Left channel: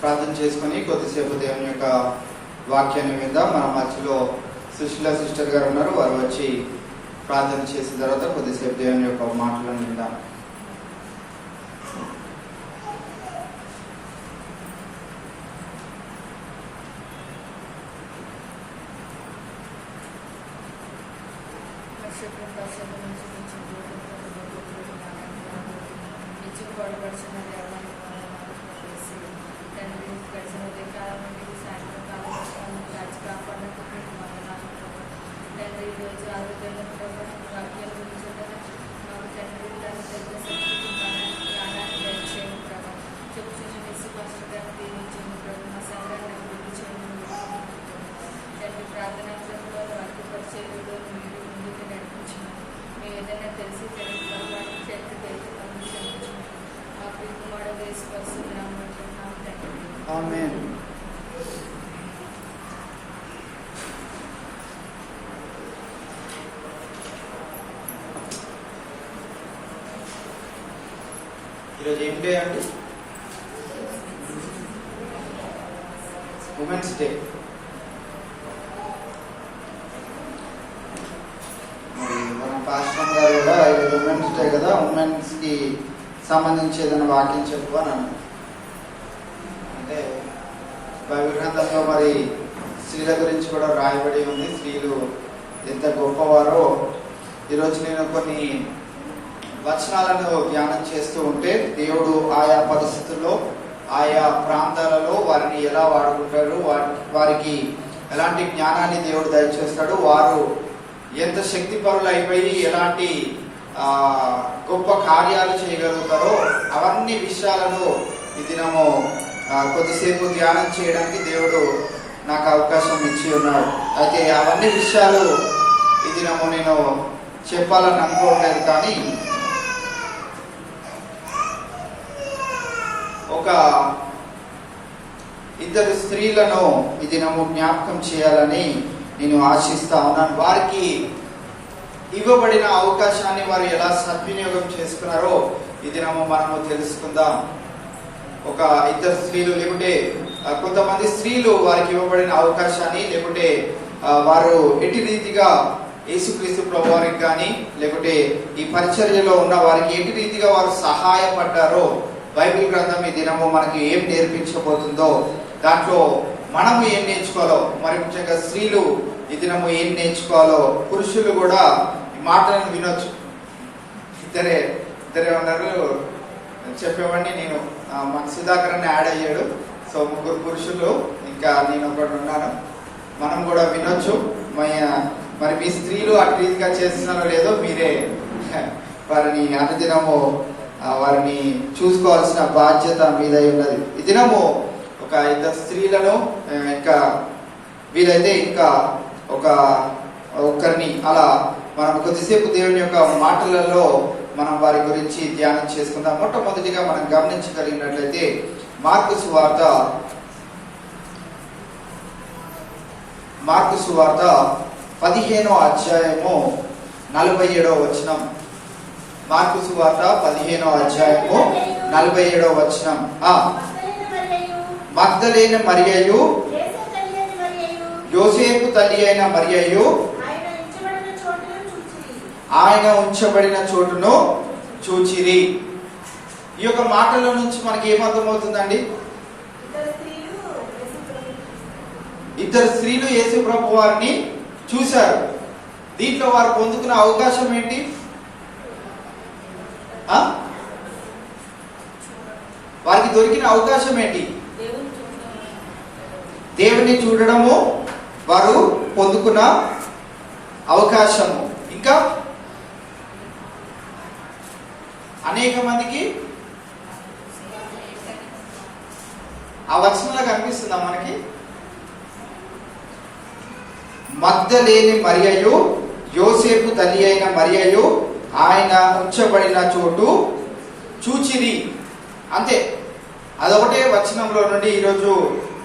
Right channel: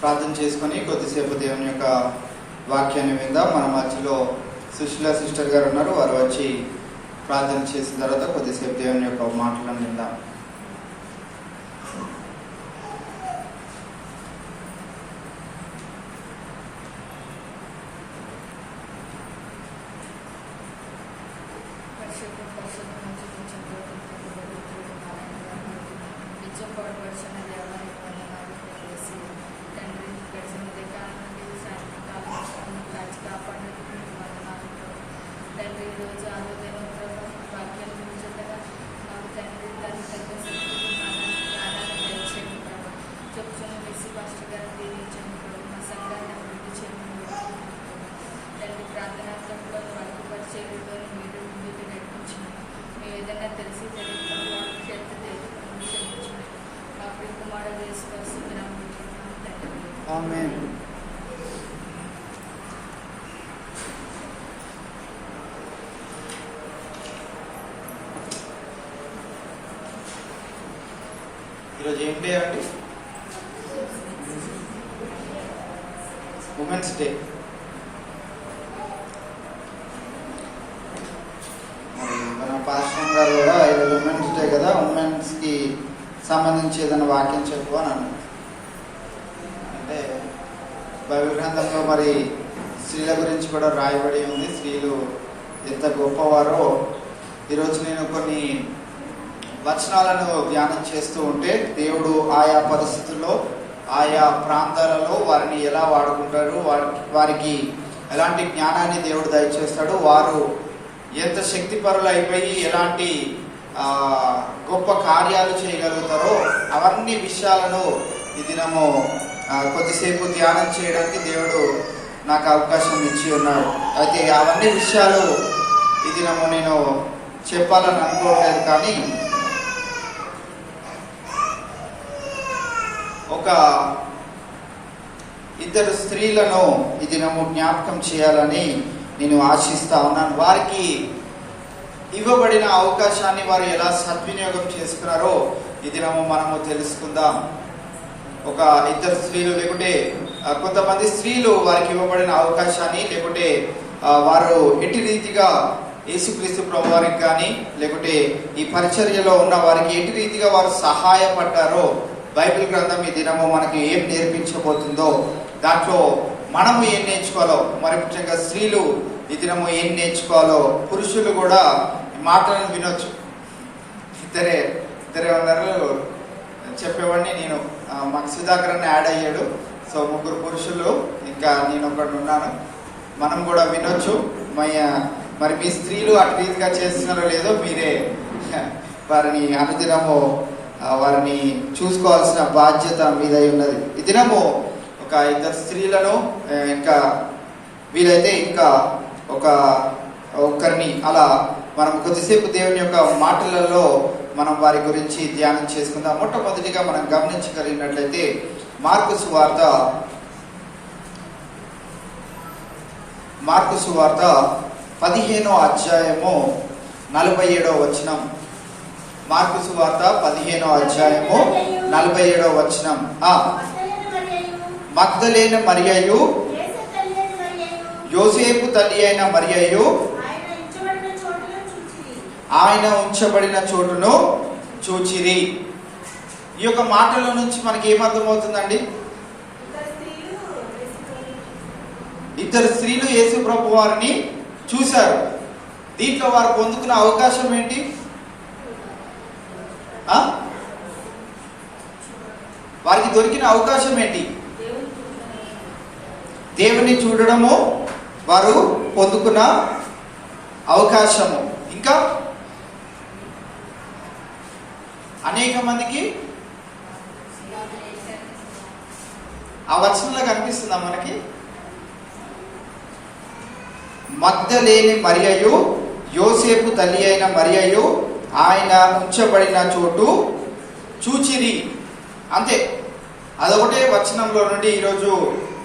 ప్రార్థన చేసుకుని కొద్దిసేపు దేవుని యొక్క వాక్యాన్ని విందాం. మన మధ్యలో సుశీల సిస్టర్ గారు ఉన్నారు. వారు వచ్చి ప్రార్థన చేసిన తర్వాత కొద్దిసేపు దేవుని యొక్క మాటలను విందాం. ఆమేన్. ఈరోజు ఏం డే అండి? Women's day. మన పాస్టర్ గారు కూడా ఈరోజు ఉమెన్స్ డే కదా, ఉమెన్స్ కి సంబంధించి ఏదైనా వాక్యం చెప్పు అని అన్నారు. అంటే బైబిల్ గ్రంథంలో మరి స్త్రీల గురించి కూడా రాయబడి ఉంది. స్త్రీలు ఎంత గొప్పవారో ఈరోజు నేను కొన్ని వచనాలను ధ్యానం చేస్తూ ఉంటే దేవుడు ఆయా పరిస్థితుల్లో ఆయా ప్రాంతాలలో వారిని ఎలా వాడుకుంటాడు, వారికి ఎలాంటి జ్ఞానాన్ని దేవుడు దయచేస్తాడు, వారు ఎంత శక్తిపరులు అయిపోయి ఎలాంటి గొప్ప కార్యాలు చేయగలుగుతారో అవన్నీ విషయాలను ఈ దినము కొద్దిసేపు ధ్యానం చేయడానికి దేవుడు నాకు అవకాశం ఇచ్చి ఉన్నాడు. అయితే అవన్నీ విషయాలు ఈ దినము నేను చెప్పాలని అనుకోవట్లేదు, కానీ ఒక ఇద్దరు స్త్రీలను ఈ దినము జ్ఞాపకం చేయాలని నేను ఆశిస్తా ఉన్నాను. వారికి ఇవ్వబడిన అవకాశాన్ని వారు ఎలా సద్వినియోగం చేసుకున్నారో ఈ దినము మనము తెలుసుకుందాం. ఒక ఇద్దరు స్త్రీలు, లేకుంటే కొంతమంది స్త్రీలు వారికి ఇవ్వబడిన అవకాశాన్ని, లేకుంటే వారు ఎట్టి రీతిగా యేసుక్రీస్తు ప్రభు వారికి కానీ లేకుంటే ఈ పరిచర్యలో ఉన్న వారికి ఎట్టి రీతిగా వారు సహాయపడ్డారో బైబిల్ గ్రంథం ఈ దినము మనకి ఏం నేర్పించబోతుందో, దాంట్లో మనము ఏం నేర్చుకోవాలో, మరి ముఖ్యంగా స్త్రీలు ఈ దినము ఏం నేర్చుకోవాలో, పురుషులు కూడా ఈ మాటలను వినొచ్చు. ఇద్దరే ఉన్నారు చెప్పేవాడిని నేను. మాకు సుధాకర్ అని యాడ్ అయ్యాడు. సో 3 పురుషులు, ఇంకా నేను ఒకటి ఉన్నాను. మనం కూడా వినొచ్చు. మరి మీ స్త్రీలు అటు రీతిగా చేస్తున్నారో లేదో మీరే వారిని అనుదినము వారిని చూసుకోవాల్సిన బాధ్యత మీద ఉన్నది. ఈ దినము ఒక ఇద్దరు స్త్రీలను, ఇంకా వీలైతే ఇంకా ఒకరిని అలా మనం కొద్దిసేపు దేవుని యొక్క మాటలలో మనం వారి గురించి ధ్యానం చేసుకుందాం. మొట్టమొదటిగా మనం గమనించగలిగినట్లయితే మార్కు సువార్త 15వ అధ్యాయము 47వ వచనం. మార్కు సువార్త 15వ అధ్యాయము 47వ వచనం. మగ్దలేన మరియయు, యోసేపు తల్లి అయిన మరియయు ఆయన ఉంచబడిన చోటును చూచిరి. ఈ యొక్క మాటల నుంచి మనకి ఏమర్థమవుతుందండి? ఇద్దరు స్త్రీలు యేసు ప్రభు వారిని చూశారు. దీంట్లో వారు పొందుకున్న అవకాశం ఏంటి? వారికి దొరికిన అవకాశం ఏంటి? దేవుని చూడడము వారు పొందుకున్న అవకాశము. ఇంకా అనేక మందికి ఆ వచనంలో కనిపిస్తుందా మనకి? మగ్దలేని మరియయు, యోసేపు తల్లి అయిన మరియయు ఆయన ఉంచబడిన చోటు చూచిరి. అంతే, అదొకటే వచనంలో నుండి ఈరోజు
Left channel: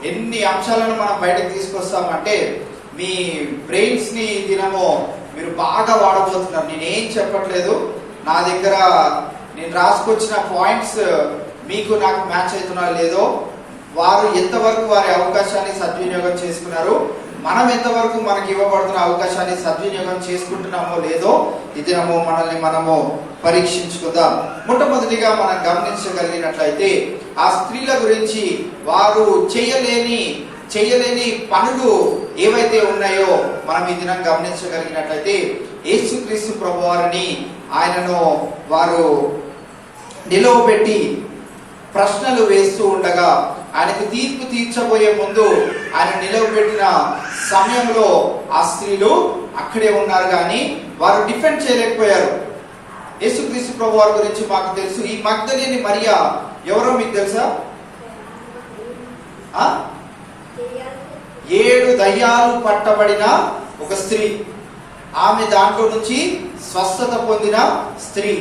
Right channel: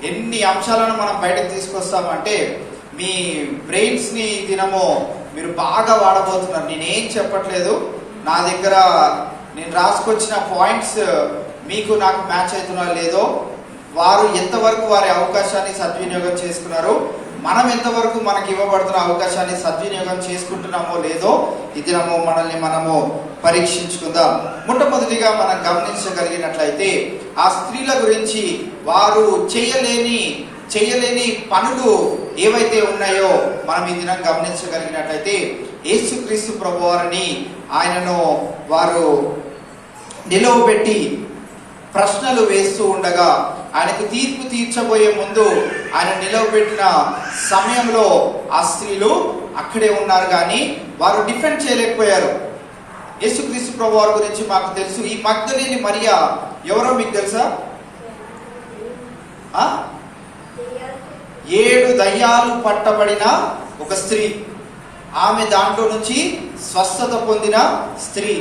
ఎన్ని అంశాలను మనం బయటకు తీసుకొస్తామంటే మీ బ్రెయిన్స్ ని దినము మీరు బాగా వాడబోతున్నారు. నేనేం చెప్పట్లేదు, నా దగ్గర నేను రాసుకొచ్చిన పాయింట్స్ మీకు నాకు మ్యాచ్ అవుతున్నా లేదో వారు ఎంతవరకు వారి అవకాశాన్ని సద్వినియోగం చేసుకున్నారు, మనం ఎంతవరకు మనకి ఇవ్వబడుతున్న అవకాశాన్ని సద్వినియోగం చేసుకుంటున్నామో లేదో ఈ దినము మనల్ని మనము పరీక్షించుకుందాం. మొట్టమొదటిగా మనం గమనించగలిగినట్లయితే ఆ స్త్రీల గురించి వారు చేయలేని పనులు ఏవైతే ఉన్నాయో మనం ఈ దినం గమనించగలిగినట్లయితే యేసుక్రీస్తు ప్రభువారిని ఆయనను వారు నిలవబెట్టి ప్రశ్నలు వేస్తూ ఉండగా, ఆయనకు తీర్పు తీర్చబోయే ముందు ఆయన నిలవబెట్టిన సమయంలో ఆ స్త్రీలు అక్కడే ఉన్నారు, కానీ వారు డిఫెండ్ చేయలేకపోయారు. యేసుక్రీస్తు ప్రభువారి గురించి మాకు తెలుసు. ఈ మగ్దలేని మరియా ఎవరో మీకు తెలుసా? 7 దయ్యాలు పట్టబడిన ఒక స్త్రీ. ఆమె దాంట్లో నుంచి స్వస్థత పొందిన స్త్రీ.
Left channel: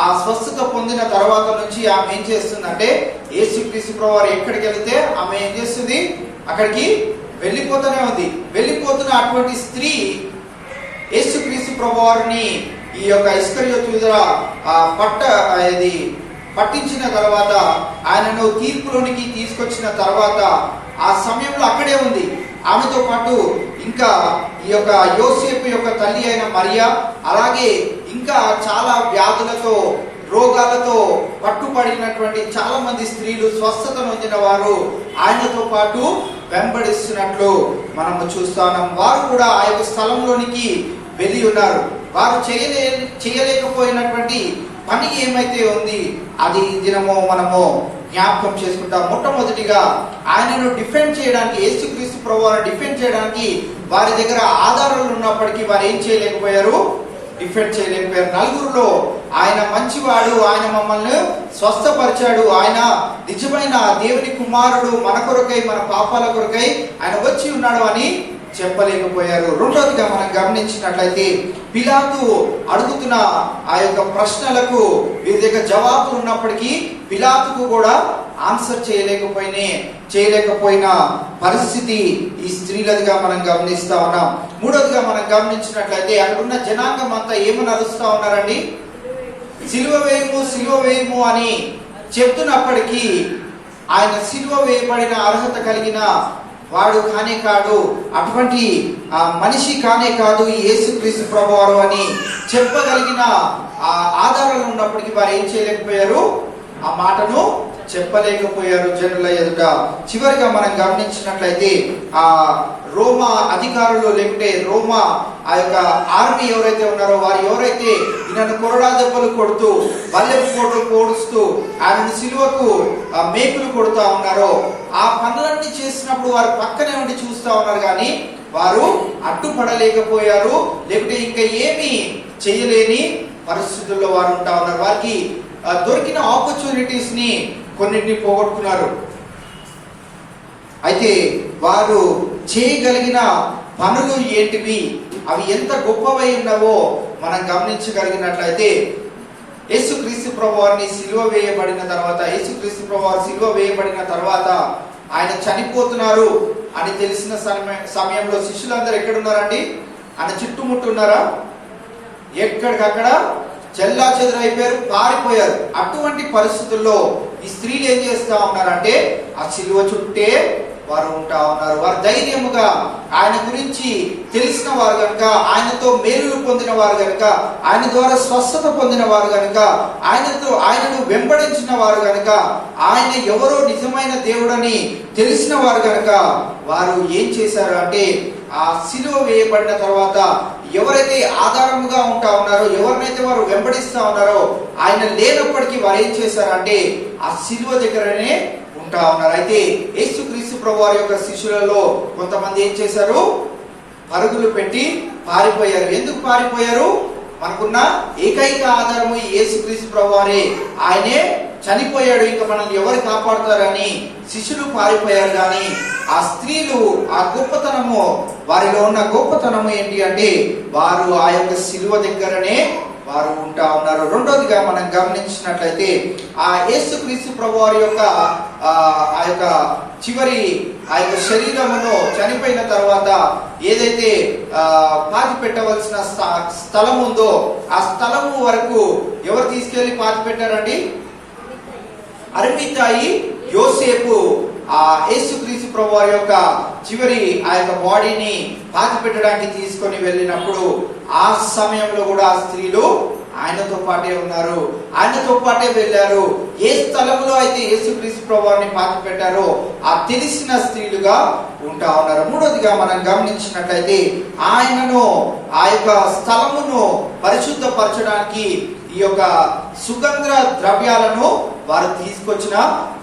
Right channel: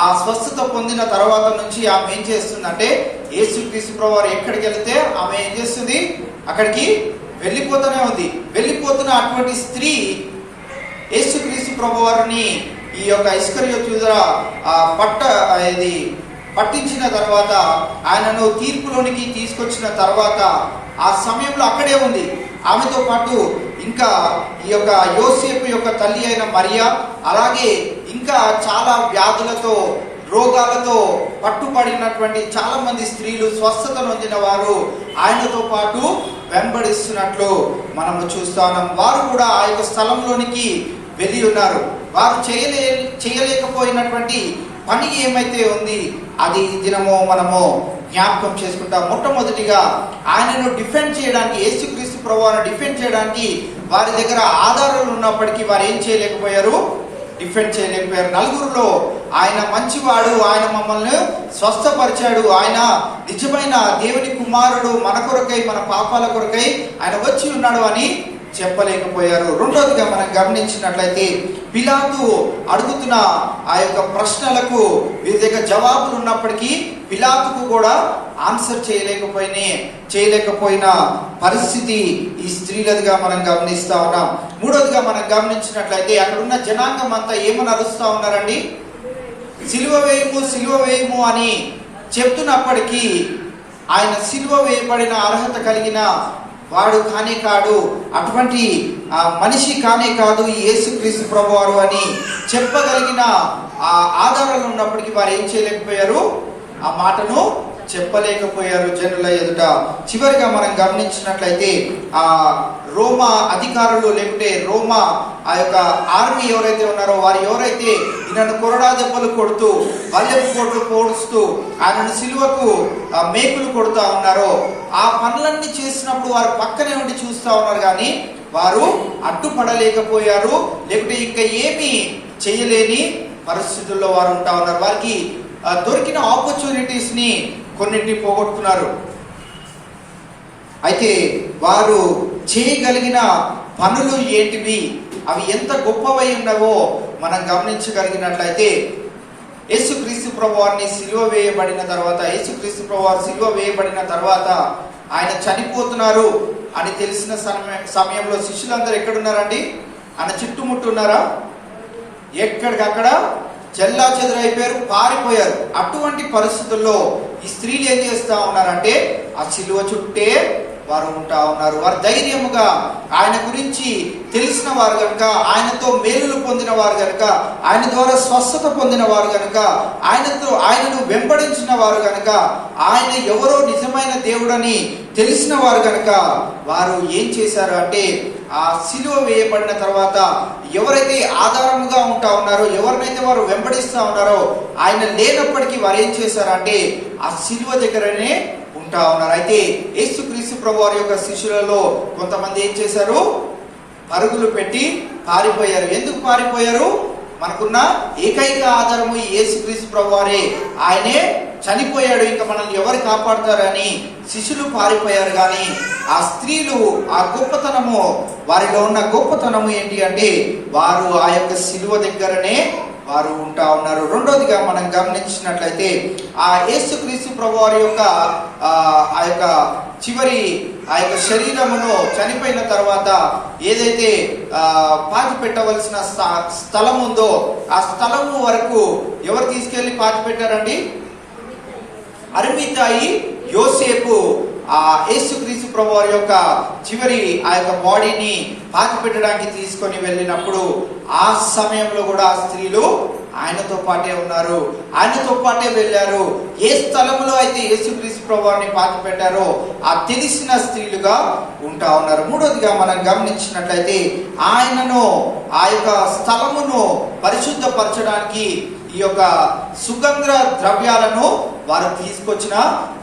ఆ స్వస్థత పొందిన తర్వాత నుంచి ఆమె ఏం చేస్తుందంటే, యేసుక్రీస్తు ప్రభువారు ఎక్కడికి వెళ్తే ఆమె ఏం చేస్తుంది, అక్కడికి వెళ్ళిపోతూనే ఉంది. వెళ్ళిపోతున్న అటువంటి స్త్రీ యేసుక్రీస్తు ప్రభువారిని ఈ యొక్క ఇస్కరియోతు యూదా పట్టించిన తర్వాత, ఆయనను తీర్పులోనికి తీసుకొచ్చిన తర్వాత ఆ సమయంలో అక్కడే ఉంది. ఆమెతో పాటు ఇంకా ఈ యొక్క యోసేపు యొక్క తల్లి అయిన మరియా, అలాగే ఇంకా చాలా వ్యాధులతో రోగాలతో పట్టుబడినటువంటి చాలా మంది స్త్రీలు, స్వస్థత నొందిన వారు ఆయనతో పాటు వెంబడిస్తున్నట్లు మనము చూస్తున్నాం. వారు కూడా ఆ యొక్క స్థలంలోనికి వెళ్ళి ఉన్నారు. వారు చేయలేకపోయినటువంటి పని ఏమైతే ఉంది అది ఈ దినము మనము జ్ఞాపకం చేసుకుంటాం. మొట్టమొదటిగా ఆయనను డిఫెండ్ చేయడానికి, యేసుక్రీస్తు ప్రభువును డిఫెండ్ చేయడానికి వారి దగ్గర ఆధారాలు ఉన్నప్పటికీ వారు ఏం చేయలేకపోయారు, డిఫెండ్ చేయలేకపోయారు. నలుగురిలో ఆయన మంచివాడు, ఆయన మమ్మల్ని స్వస్థపరిచాడు, ఆయన నిజమైన దేవుని కుమారుడు, మన కొరకై మన పాపాల కొరకై ఆయన వచ్చి ఉన్నాడు అని చెప్పలేకపోయారు. రెండోదిగా మనం గమనించినట్లయితే పిలాతు అడుగుతున్న ఆ యొక్క ప్రశ్నలకు వీరి దగ్గర జవాబులు ఉన్నప్పటికీ పిలాతుకు కూడా ఆన్సర్ చేయలేకపోయిన పరిస్థితి ఈ స్త్రీలదిగా మనం గమనిస్తా ఉన్నాం. మూడోదిగా మనం గమనించినట్లయితే అక్కడ ఉన్న జనాంగం అంతా ఏమని అరుస్తా ఉన్నారండి, సిలువ వేయము అని చెప్తున్నప్పటికీ ఆయన సిలువ వేయబడిన అర్హత కలిగిన వాడు కానే కాదు, అటువంటి మనిషి కానే కాదు ఈ యేసుక్రీస్తు ప్రభువారు అని చెప్పగలిగిన ఆ ఆధారాలు ఉన్నప్పటికీ వారు ఏం చేయలేకపోయారు, ఆ మాటను చెప్పలేకపోయారు జనుల ఎదుట. చివరిగా మనం గమనించినట్లయితే ఆ రోమా అధికారులు, లేకుంటే రోమా ఆ యొక్క ఆర్మీ ఎవరైతే ఉన్నారో వారు ఎవరైతే ఈయనను కొరడా దెబ్బలు కొడుతూ, బల్లెపు కోటలు పోడుస్తూ, ఆయనను సిలువకు మేకులు కొడుతూ ఉన్నారో ఆ పనులన్నీ చేసినప్పుడు వారు పక్కనే ఉండి చూస్తూ ఉన్నారు, కానీ వారు అడ్డుపడలేకపోయారు. లేకుంటే ఇంకా ఏమీ చేయలేని పరిస్థితుల్లో వారు ఉంటా ఉన్నారు. వారికి దొరికిన ఆపర్చునిటీస్ ని కొన్నింటిని పోగొట్టుకున్నారు. అయితే వారు చేయగలిగిన పనులు ఏంటివి, అవి ఎంత గొప్పవై ఉన్నావో మనం గమనించగలిగినట్లయితే యేసుక్రీస్తు ప్రభువారిని సిలువ వేయబడిన తర్వాత, యేసుక్రీస్తు ప్రభువారు సిలువ వేయబడిన తర్వాత ఆయన చనిపోతున్నారు అని తెలిసిన సమయంలో శిష్యులందరూ ఎక్కడున్నారండి, ఆయన చుట్టుముట్టున్నారా? ఎక్కడికక్కడ చెల్లా చెదురైపోయారు, పారిపోయారు. అటువంటి పరిస్థితుల్లో ఈ స్త్రీలు ఏం చేస్తా ఉన్నారంటే ఆ సిలువ చుట్టే వారు ఉంటా ఉన్నారు. వారు ధైర్యముగా ఆయన గురించి తెలిసిన వారు కనుక, ఆయనతో మేలులు పొందిన వారు కనుక, ఆయన ద్వారా స్వస్థత పొందిన వారు కనుక, ఆయనను వెంబడించిన వారు కనుక, ఆయన ఎవరో నిజమైన దేవుడని తెలిసిన వారు కనుక వారు ఏం చేశారు అంటే ఆ సిలువ వేయబడిన తర్వాత ఎవరైతే ఆధారముగా ఉంటా ఉన్నారో, ఎవరినైతే వారు వెంబడిస్తా ఉన్నారో ఆయన లేనప్పటికీ వారు ఏం చేశారంటే ఆ సిలువ దగ్గరనే ఉంటా ఉన్నారు. అయితే యేసుక్రీస్తు ప్రభువారి యొక్క శిష్యులలో కొంతమంది ఏం చేశారు, పరుగులు పెట్టి పారిపోయారు. ఎందుకు పారిపోయారు? మనకున్న ఏకైక ఆధారము యేసుక్రీస్తు ప్రభువారే, ఆయనే చనిపోయాడు, ఇంకా మనల్ని ఎవరు కాపాడుతారని శిష్యులు పారిపోయారు. కానీ ఆ స్త్రీలు ఆ గొప్పతనము, వారిలో ఉన్న గొప్పతనము ఏంటి అంటే వారు ఆ యొక్క సిలువ దగ్గరనే వారు ఉంటా ఉన్నారు. రెండోదిగా మనం గమనించినట్లయితే ఆ యేసుక్రీస్తు ప్రభువారి యొక్క ఆ యొక్క చివరి ఆ యొక్క శరీరములో చనిపోయిన తర్వాత ఏదైతే పాతి పెట్టవలసిన స్థలం ఉందో ఆ స్థలము వరకు ఎవరు తీసుకెళ్లి పాతి పెట్టారండి? అరిమితాయి యోసేపు ఆ యేసుక్రీస్తు ప్రభువారి యొక్క చివరి ఆ యొక్క బాడీని పాతి పెట్టడానికి తీసుకొని వెళ్ళినప్పుడు ఆ సమయంలో కూడా ఆ స్త్రీలు ఆయనతో పాటే ఉన్నారు, ఆయనతో పాటే వెళ్ళారు. ఏ స్థలంలో అయితే యేసుక్రీస్తు ప్రభువారిని పాతి పెట్టారో ఆ తెలిసిన స్త్రీలుగా ఉంటా ఉన్నారు. మూడోదిగా మనం గమనించినట్లయితే ఆయనను ఆ యొక్క స్థలమును పరిశుద్ధపరచడానికి ఈ యొక్క సుగంధ ద్రవ్యాలను వారు తీసుకొచ్చిన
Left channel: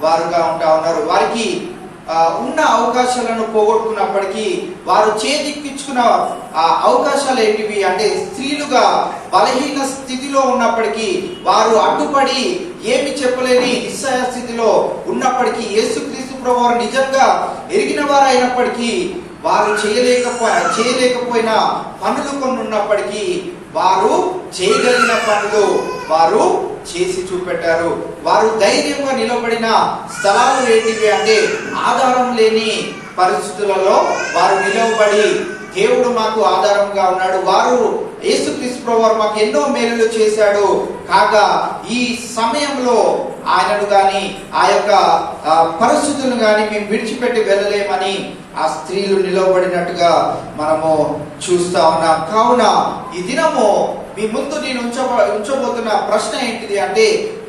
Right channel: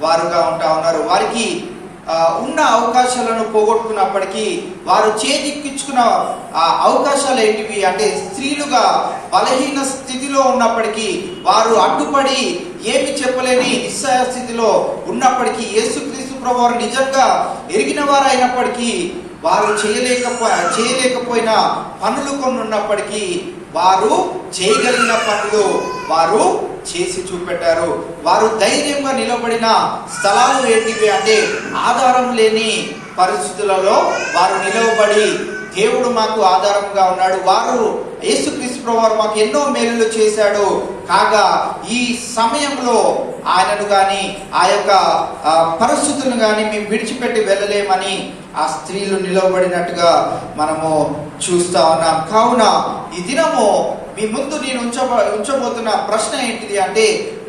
వారుగా ఉంటా ఉన్నారు. వారికి ఉన్న అవకాశాలను పోగొట్టుకున్నప్పటికీ వారు చేజిక్కించుకున్న ఆ అవకాశాలు ఏంటివి అంటే స్త్రీలుగా బలహీన స్థితిలో ఉన్నప్పటికీ వారు అడ్డుపడి ఏమి చెప్పలేని నిస్సహాయ స్థితిలో ఉన్నప్పటికీ యేసుక్రీస్తు ప్రభువారు నిజంగా ఎరిగిన వారు అయినప్పటికీ వారు చేయలేకపోయిన పనులు కొన్ని ఉన్నప్పటికీ వారు చేయగలిగిన పనులు వారు చేసి చూపెట్టారు. వారు ధైర్యంగా నిలబడిన స్థలాలు ఏంటివి అంటే ఆధారం లేని పరిస్థితులలో వారు నిలవబడి దేవుడు మాకు ఆధారంగా ఉన్నాడు, వారు యేసుక్రీస్తు ప్రభువారు మాకు ఎన్నో మేలులు చేశాడు, కాగా ఈ సమయంలో ఆయనను గాని ఆ యొక్క పరిస్థితులను గాని మేము విడిచిపెట్టి వెళ్ళలేమని ఆ స్త్రీలు నిలవబడినట్టుగా మనము చూస్తా ఉన్నాం. కావున ఈ దినము మీ ముందు నేను ఉంచబోతున్న ప్రశ్న ఏంటిది అంటే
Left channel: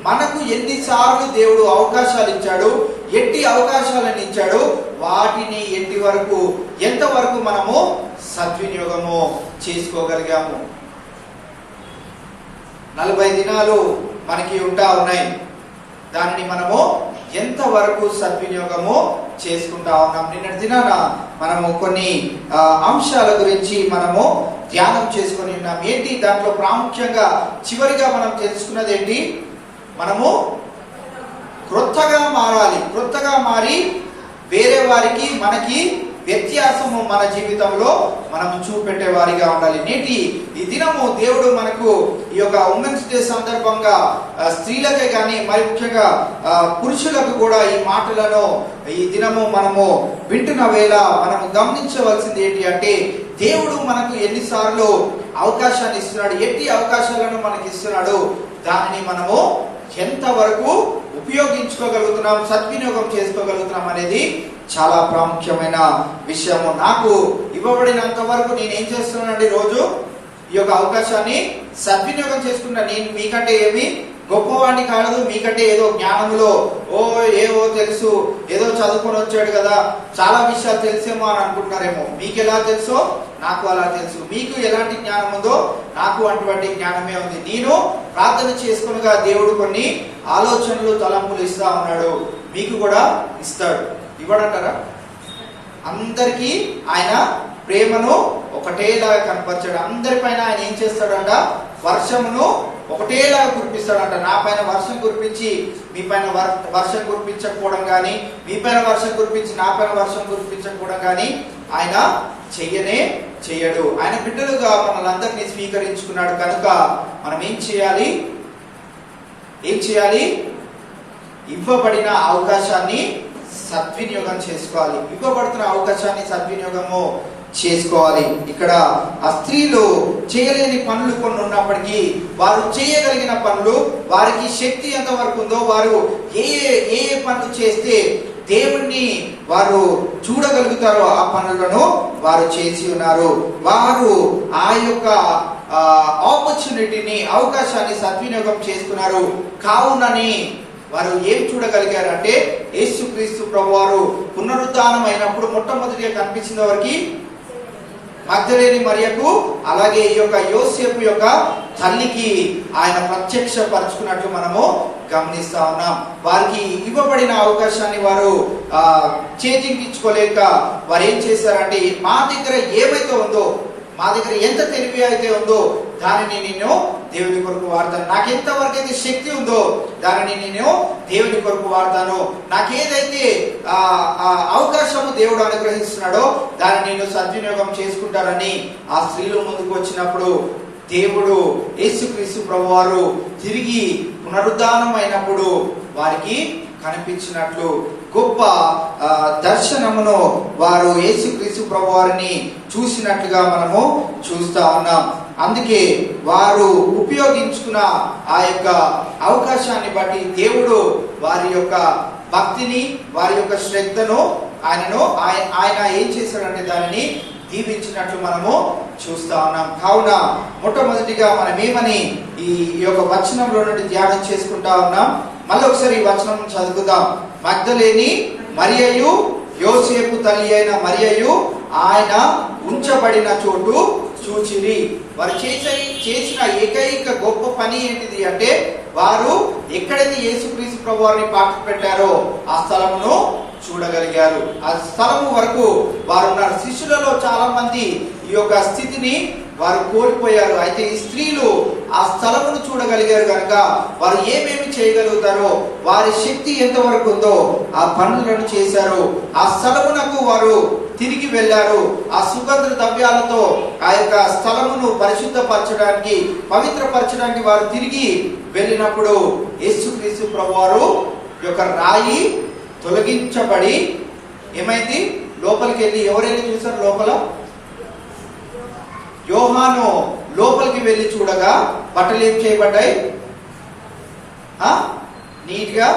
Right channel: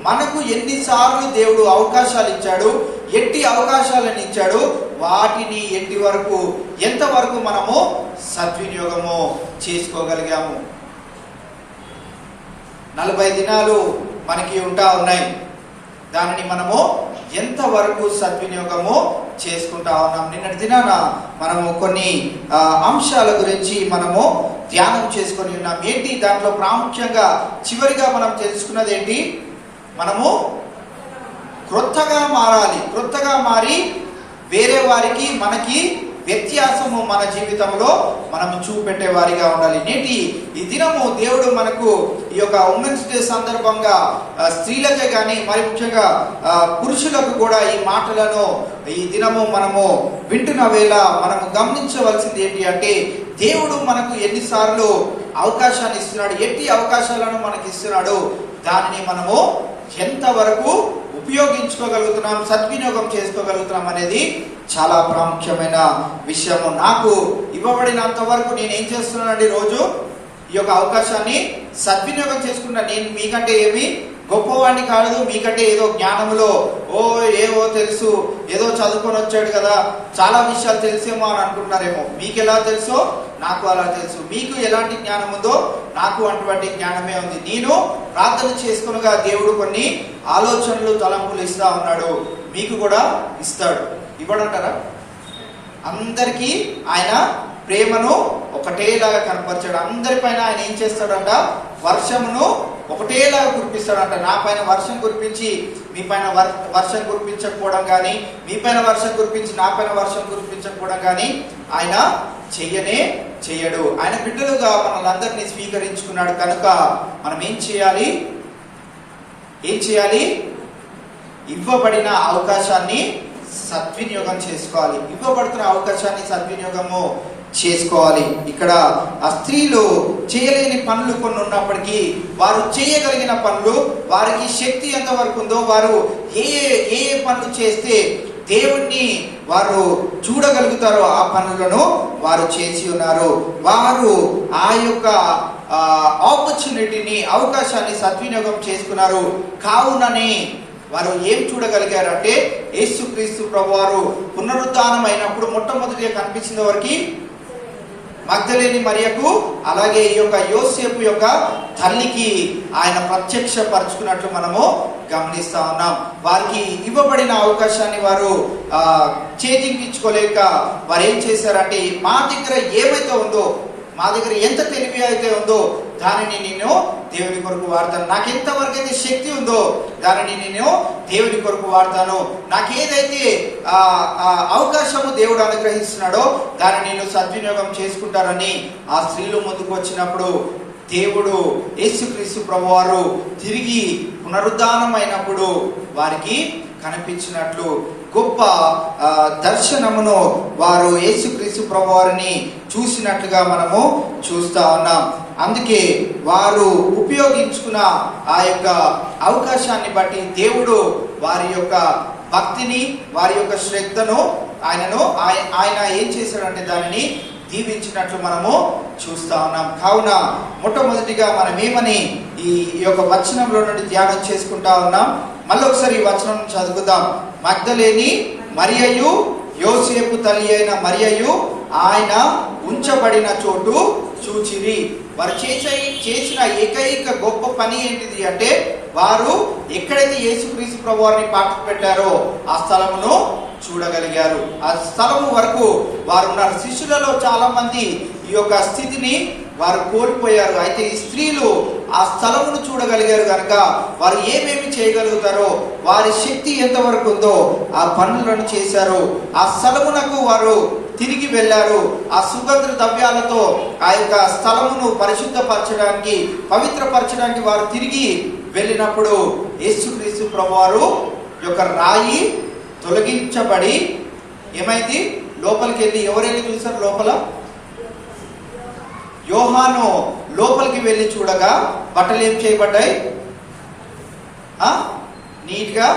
మనకు ఎన్నిసార్లు దేవుడు అవకాశాలు ఇచ్చాడు, ఎట్టి అవకాశాలను ఇచ్చాడు, వాటిని ఎంతవరకు మనము సద్వినియోగము చేసుకోగలిగాము. 40 దినాలు మనకి ఉంటా ఉన్నాయి, దానిని మనము ఎంతవరకు సద్వినియోగము చేసుకుంటా ఉన్నాం. నిన్నటి దినాన మనము కొన్ని అంశాల గురించి మనము ధ్యానం చేసుకొని ఉన్నాం. ఏంటి దాంట్లో ప్రాముఖ్యంగా చివరిగా మనం తెలుసుకున్నది ఏంటి? మనము క్రొత్తగా మారాలి, క్రొత్తగా మారి వేరే వారికి మనకి వ్యత్యాసము మన జీవితంలో మనం చూపెట్టే వారిగా ఉండాలి. నేటి ఈ దినము దేవుడు మనకు ఈ యొక్క ఉమెన్స్ డే సందర్భంగా స్త్రీలకే కానీ మరి ముఖ్యంగా పురుషులకు కూడా ఈ మాటలను ఈ దినము మనము వింటున్న వేళ మనము గమనించవలసింది ఏంటి అంటే దేవుడు మనకు ఎన్నిసార్లు అవకాశాన్ని ఇస్తున్నాడు, ఎట్టి అవకాశాలను మనకి ఇస్తున్నాడు, దానిని మనము ఎంతవరకు ఉపయోగించుకోగలుగుతున్నాం, సద్వినియోగం చేసుకోగలుగుతున్నాం అనేది చాలా ప్రాముఖ్యమైన విషయము. నాకు ఇవ్వబడినంత వరకు నేను ఏం చేస్తున్నానండి, రోజు ఈ యొక్క అవకాశాన్ని సద్వినియోగం చేసుకున్నా. నేను మీకంటే ఏమి గొప్పవాడిని కాదు, మీకంటే ఏదో జ్ఞానంలో ఏవో తెలుసు, ఏదో చదువుకొని వచ్చాడు కదా, చాలా విషయాలు తెలిసేమో అని అనుకుంటున్నారేమో. మీకు ఎలా తెలుసో నాకు అలా తెలుసు, మీకు ఎలాంటి జ్ఞానం ఉందో నాకు అటువంటి జ్ఞానమే ఉంది. నేను ప్రార్థన చేసుకునగా దేవుడు కొన్ని ఆలోచనలు తలంపులు ఇస్తా ఉన్నాడు, మీకు కూడా ఇస్తాడు. ఇవ్వడంటారా? అందరికీ ఆయన ప్రేమను ఒకటేలాగా కనపరచాడు. అందరిపైన ఆయన ఏం చేస్తాడంట? వర్షమును ఒకటేలాగా కురిపిస్తాడంట. నా పైన వర్షం కురిపించి మీ పైన వర్షం కురిపించకపోవడం కానీ, మీ పైన వర్షం కురిపించి నా పైన వర్షం కురిపించకపోవడం కానీ ఆయన చెయ్యడు. ఆయన బిడ్డలుగా మనల్ని స్వీకరించుకున్నాడు కనుక మనం ఏం చేయాలి? ఇవ్వబడిన అవకాశాన్ని సద్వినియోగం చేసుకోవాలి. ఇవ్వబడుతున్న అవకాశాన్ని సద్వినియోగము చేసుకోవాలి. ఇక్కడ ఆ స్త్రీలు చేయలేని పనులు కొన్ని ఉన్నప్పటికీ వారు చేయగలిగిన పనులు, వారికి శక్తి ఎంత వరకు ఉందో, వారు ఏ పనులు చేస్తే దేవుణ్ణి వారు చూడగలుగుతారో ఆ పనులను వారు చేసి ఉన్నారు. వారు ఆ యొక్క ఆపర్చునిటీని, అవకాశాన్ని సద్వినియోగం చేసుకున్నారు. కావునని వారు ఏం చూడగలిగారు అంటే యేసుక్రీస్తు ప్రభువారు పునరుద్ధానం అయినప్పుడు మొట్టమొదటిగా కనిపించిన వారికి మగ్దలేని మరియకు, అలాగే ఈ యొక్క యోసేపు యొక్క తల్లికి ఆయన ప్రత్యక్ష పరుచుకున్నట్లు మనము గమనిస్తా ఉన్నాం. వారికి ఇవ్వబడిన అవకాశాన్ని వారు చేజిక్కించుకోలేక వారు ఏం చేశారంటే మా దగ్గర ఏమైతే ఉందో, మా దగ్గర ఎంత తెలివి అయితే ఉందో దానిని నేను దేవుని కొరకు వాడతాను, నాకు ఎంతవరకు అయితే శక్తి ఉందో దానిని నేను దేవుని కొరకు వాడతాను, నాకేదైతే అవకాశము దేవుడు అనుగ్రహిస్తున్నాడో దానిని నేను సద్వినియోగం చేసుకుంటానని ఆ స్త్రీలు ముందుకు వచ్చినప్పుడు దేవుడు యేసుక్రీస్తు ప్రభువారు తిరిగి పునరుద్ధానం అయినప్పుడు వారికి కనిపించినట్లు గొప్ప దర్శనమును వారు యేసుక్రీస్తు ప్రభువారిని చూసినట్లుగా మనము చూస్తా ఉన్నాం. అందుకే వారు ఉపయోగించుకున్న ఆ యొక్క అవకాశాన్ని బట్టి దేవుడు వారి యొక్క భక్తిని, వారి యొక్క శ్రద్ధను ఆయన ఏం చేశాడంటే దానిని దీవించినట్లు మనము చూస్తా ఉన్నాం. కావున మొట్టమొదటిగా మనం ఏమని ఈ యొక్క వచనంలో నుండి ధ్యానం చేసుకుంటా ఉన్నాం. మళ్ళీ ఒకసారి ఈ వచనం చదువుకుందాం. మగ్దలేని మరియయు యోసేపు తల్లి అయిన మరియయు ఆయన ఉంచబడిన చోటు చూచిరి. వారు చేసిన ఏకైక గొప్ప పని ఏంటిది అంటే, వారు ఎక్కడైతే యేసుక్రీస్తు ప్రభు వారిని పాఠం పెట్టారో ఆ స్థలమును చూడగలిగారు. ఆ స్థలము వరకు వారు ఉన్నారు. శిష్యులలో చాలా మంది ఈ యొక్క స్థితిని వారు కోల్పోయారు. అయితే ఈ స్త్రీలు ఆ స్థలమును చూడగలిగారు కనుక వారు ఏమేమి చేయగలుగుతారో, వారి శక్తి ఎంతవరకు ఉందో ఆ పనులను చేశారు. ఆ స్థలమునకు వారు తిరిగి వెళ్ళారు. ఆ సుగంధ ద్రవ్యాలతో ఆ యొక్క స్థలమును పరిశుద్ధపరచడానికి, పవిత్రపరచడానికి వారు తిరిగి వెళ్ళినప్పుడు యేసుక్రీస్తు ప్రభువారు యొక్క రాయి తొలగించబడి ఏమైంది? లోపలికి వెళ్ళి ఎవరు వెళ్ళి చూసారు? లోపల యోహాను లోపలికి వెళ్ళి చూడగా బట్టలు ఏం చేయబడ్డాయి? నీట్ గా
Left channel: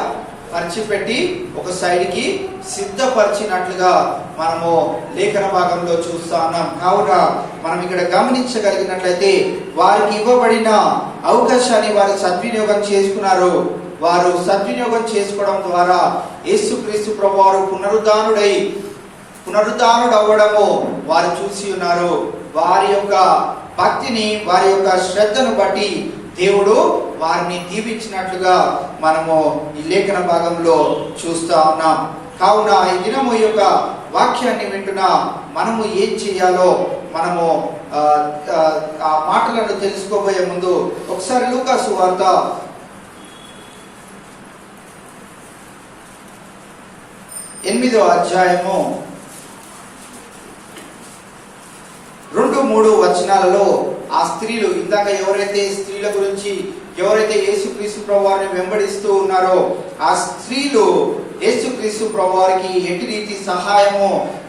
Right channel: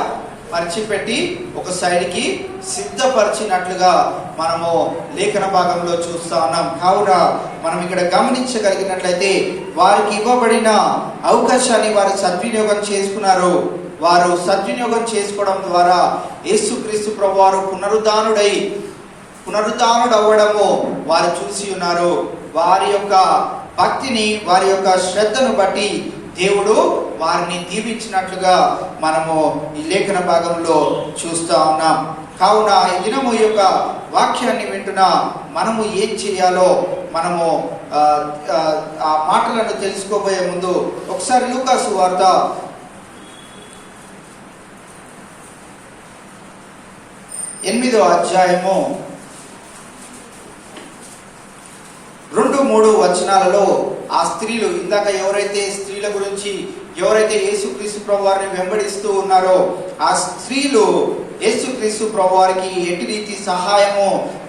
పరిచిపెట్టి ఒక సైడ్ కి సిద్ధపరిచినట్లుగా మనము లేఖన భాగంలో చూస్తా ఉన్నాం. కావున మనం ఇక్కడ గమనించగలిగినట్లయితే వారికి ఇవ్వబడిన అవకాశాన్ని వారు సద్వినియోగం చేసుకున్నారు. వారు సద్వినియోగం చేసుకోవడం ద్వారా యేసుక్రీస్తు ప్రభువారు పునరుద్ధానుడు అవ్వడము వారు చూసి ఉన్నారు. వారి యొక్క భక్తిని, వారి యొక్క శ్రద్ధను బట్టి దేవుడు వారిని దీవించినట్లుగా మనము ఈ లేఖన భాగంలో చూస్తా ఉన్నాం. కావున ఈ దినము యొక్క వాక్యాన్ని వింటున్న మనము ఏం చేయాలో మనము ఆ మాటలను తెలుసుకోబోయే ముందు ఒకసారి లూకా సువార్త 8వ అధ్యాయము 2-3 వచనాలలో ఆ స్త్రీలు, ఇందాక ఎవరైతే స్త్రీల గురించి ఎవరైతే యేసుక్రీస్తు ప్రభువారిని వెంబడిస్తూ ఉన్నారో ఆ స్త్రీలు యేసుక్రీస్తు ప్రభువారికి ఎట్టి రీతి సహాయము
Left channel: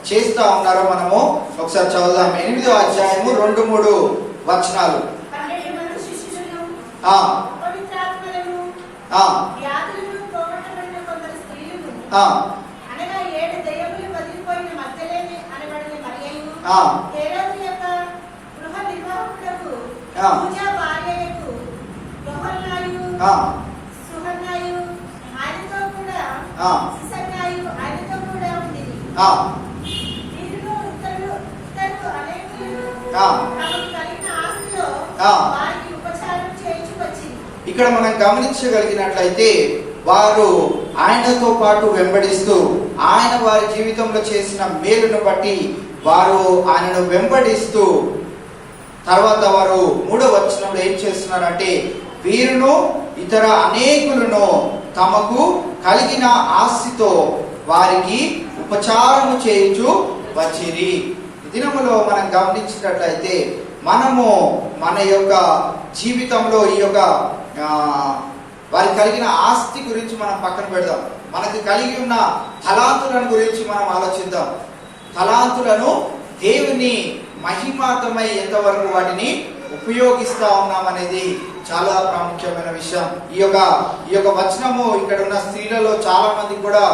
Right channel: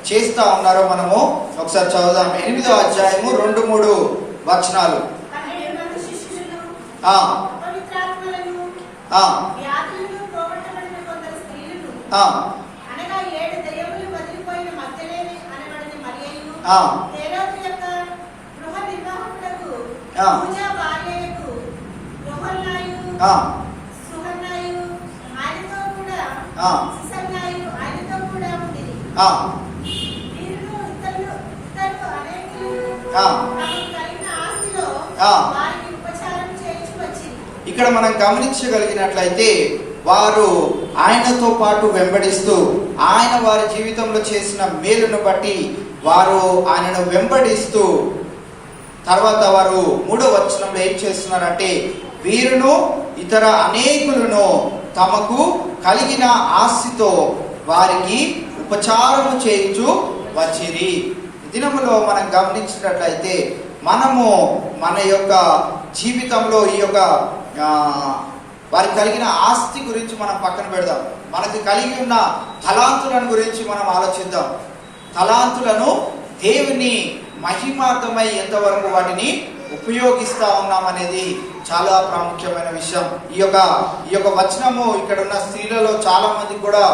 చేస్తా ఉన్నారో మనము ఒకసారి చదువుదాం. 8వ అధ్యాయము 2-3 వచనాలు. ఇక్కడ మనం గమనించగలిగినట్లయితే వారు ఆయనతో పాటు వెంబడిస్తూ ఆయన వారి జీవితంలో చేసిన మేలును బట్టి వారు ఆయనను వెంబడిస్తూ తర్వాత వారు 3వ వచనంలో ఏం చేస్తున్నారంటే, వీరును ఇతర అనేకులను తమకు కలిగిన ఆస్తితో వారికి ఉపచారము చేయించు వచ్చిరి. దినములో మనం గమనించినట్లయితే మనము మన యొక్క జీవితంలో ఈ యొక్క వారికి కలిగిన ఆస్తి గురించి మనం పక్కన పెడదాం. మనకి కలిగి ఉన్న తలాంతులను గురించి మనం ఆలోచిద్దాం. తలాంతులను దేవుని మహిమార్థమై ఎంతవరకు వాటిని ఉపయోగిస్తా ఉన్నాం అనేది చాలా ప్రాముఖ్యమైన విషయం. ఈ యొక్క వచనము ఇక్కడ ఉన్న స్త్రీలలో చాలా మంది కూడా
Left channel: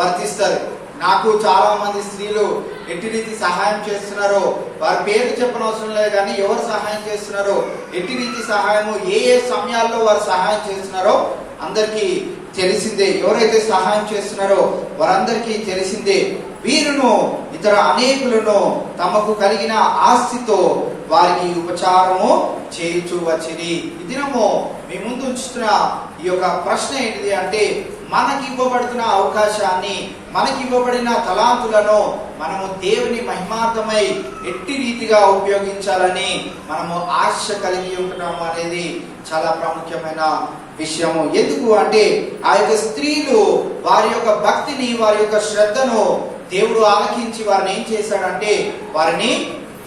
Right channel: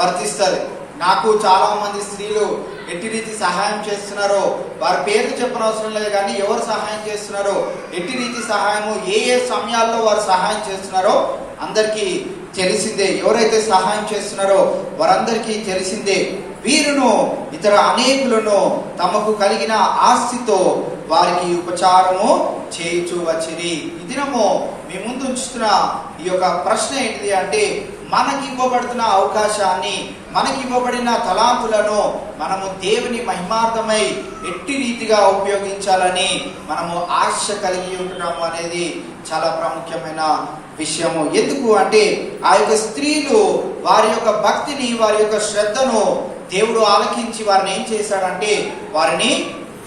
వర్తిస్తారు. నాకు చాలా మంది స్త్రీలు ఎట్టి రీతి సహాయం చేస్తున్నారో, వారి పేరు చెప్పనవసరం లేదు కానీ ఎవరు సహాయం చేస్తున్నారో, ఎట్టి రీతి సహాయము ఏ సమయాల్లో వారు సహాయం చేస్తున్నారో అందరికీ తెలిసిందే. ఎవరైతే సహాయం చేస్తున్నారో వారందరికీ తెలిసిందే. వీరును ఇతర అనేకులను తమకు కలిగిన ఆస్తితో వారికి ఉపచారము చేయించు వచ్చిరి. ఈ దినము మీ ముందు ఉంచుతున్న ఈ యొక్క ప్రశ్న ఏంటిది అంటే, మనకి ఇవ్వబడుతున్న అవకాశాన్ని, మనకి ఇవ్వబడిన తలాంతులను మనము దేవుని మహిమార్థమై ఎట్టి రీతిగా ఉపయోగించాలని మనము ఆశ కలిగి ఉంటున్నాము అనేది చాలా ప్రాముఖ్యమైన విషయము. ఎందుకు అంటే ఆ యొక్క స్త్రీలు వారి యొక్క భక్తిని, వారి యొక్క శ్రద్ధను దేవుడు ఆలకించి వారిని ఏం చేశాడంటే వారిని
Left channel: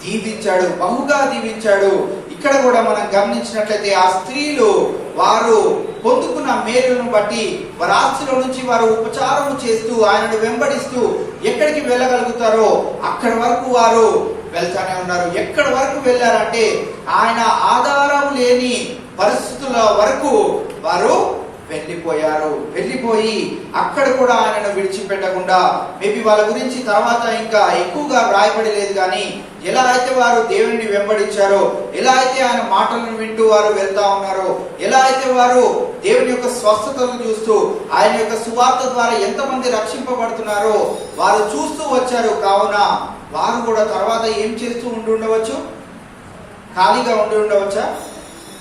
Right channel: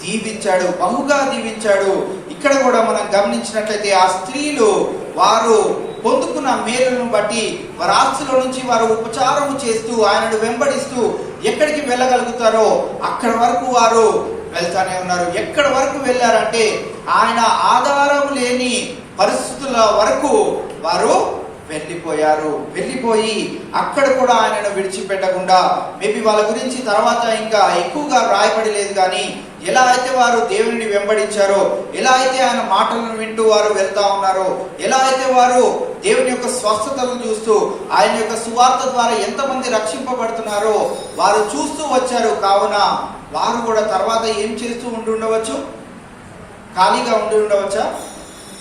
దీవించాడు, బహుగా దీవించాడు. ఇక్కడ కూడా మనం గమనించినట్లయితే ఆ స్త్రీలు వారు పొందుకున్న మేలును బట్టి వారి ఆస్తిలో నుంచి వారు ఉపచారము చేస్తూ ఆయనను వెంబడిస్తూ ఎక్కడికి వెళ్ళగలుగుతారో అక్కడి వరకు వారు వెళ్తానే ఉన్నారు. ఎక్కడి వరకు వెళ్ళారంటే ఆయన ఆధారం లేని పరిస్థితుల వరకు వారు వెళ్ళిపోయి అక్కడ కూడా ఆయనను విడిచిపెట్టకుండా, మేబీ వాళ్ళ గురించి తర్వాత ఇంకా ఎక్కువగా రాయబడి లేదు, కానీ ఎలా అయితే వారు దేవుని వెంబడించారో, ఎలా అయితే ఆయన మాటలను వింటూ వారు వెళ్తా ఉన్నారో, ఎలా అయితే వారు దేవుని యొక్క స్వస్థతను చూస్తూ ఆయన యొక్క సువార్త ద్వారా ఎంతమంది రక్షింపబడుతున్నారో వారు చూస్తూ వచ్చారు. కావున వారు కూడా తర్వాత ఏం చేస్తూ ఉండవచ్చు? ఖాళీగా ఉండవచ్చా?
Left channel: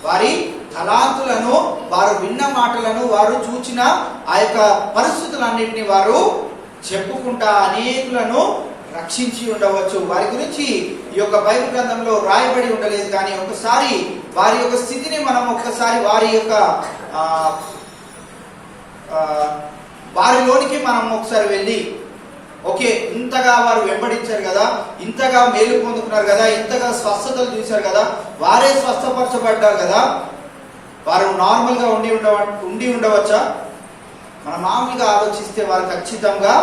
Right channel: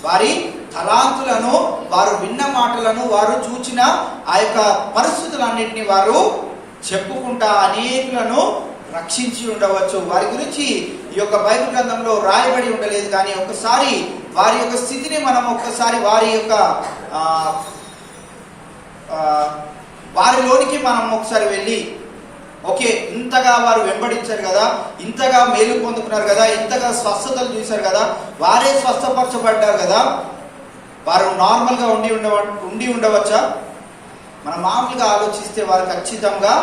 వారి తలాంతులను, వారు విన్న మాటలను, వారు చూచిన ఆ యొక్క పరిస్థితులన్నింటినీ వారు చెప్పుకుంటా అనేకులను రక్షించి ఉండవచ్చు. వారి గురించి ఈ యొక్క బైబిల్ గ్రంథంలో రాయబడి ఉండలేదు, కానీ ఒకసారి వారి యొక్క స్థితిని మనం ఒక్కసారి వారిలోనికి మనం ఒకసారి వెళ్ళి, ఓకే, ఇంతగా వారు వెంబడించారు కదా, ఇంతగా మేలు పొందుకున్నారు కదా, ఇంతగా స్వస్థతలు చూశారు కదా, వారే స్వస్థపరచబడ్డారు కదా, వారు నార్మల్ గా ఉండి ఉండవచ్చా? మనం మామూలుగా ఆలోచిస్తే వారు ఖచ్చితంగా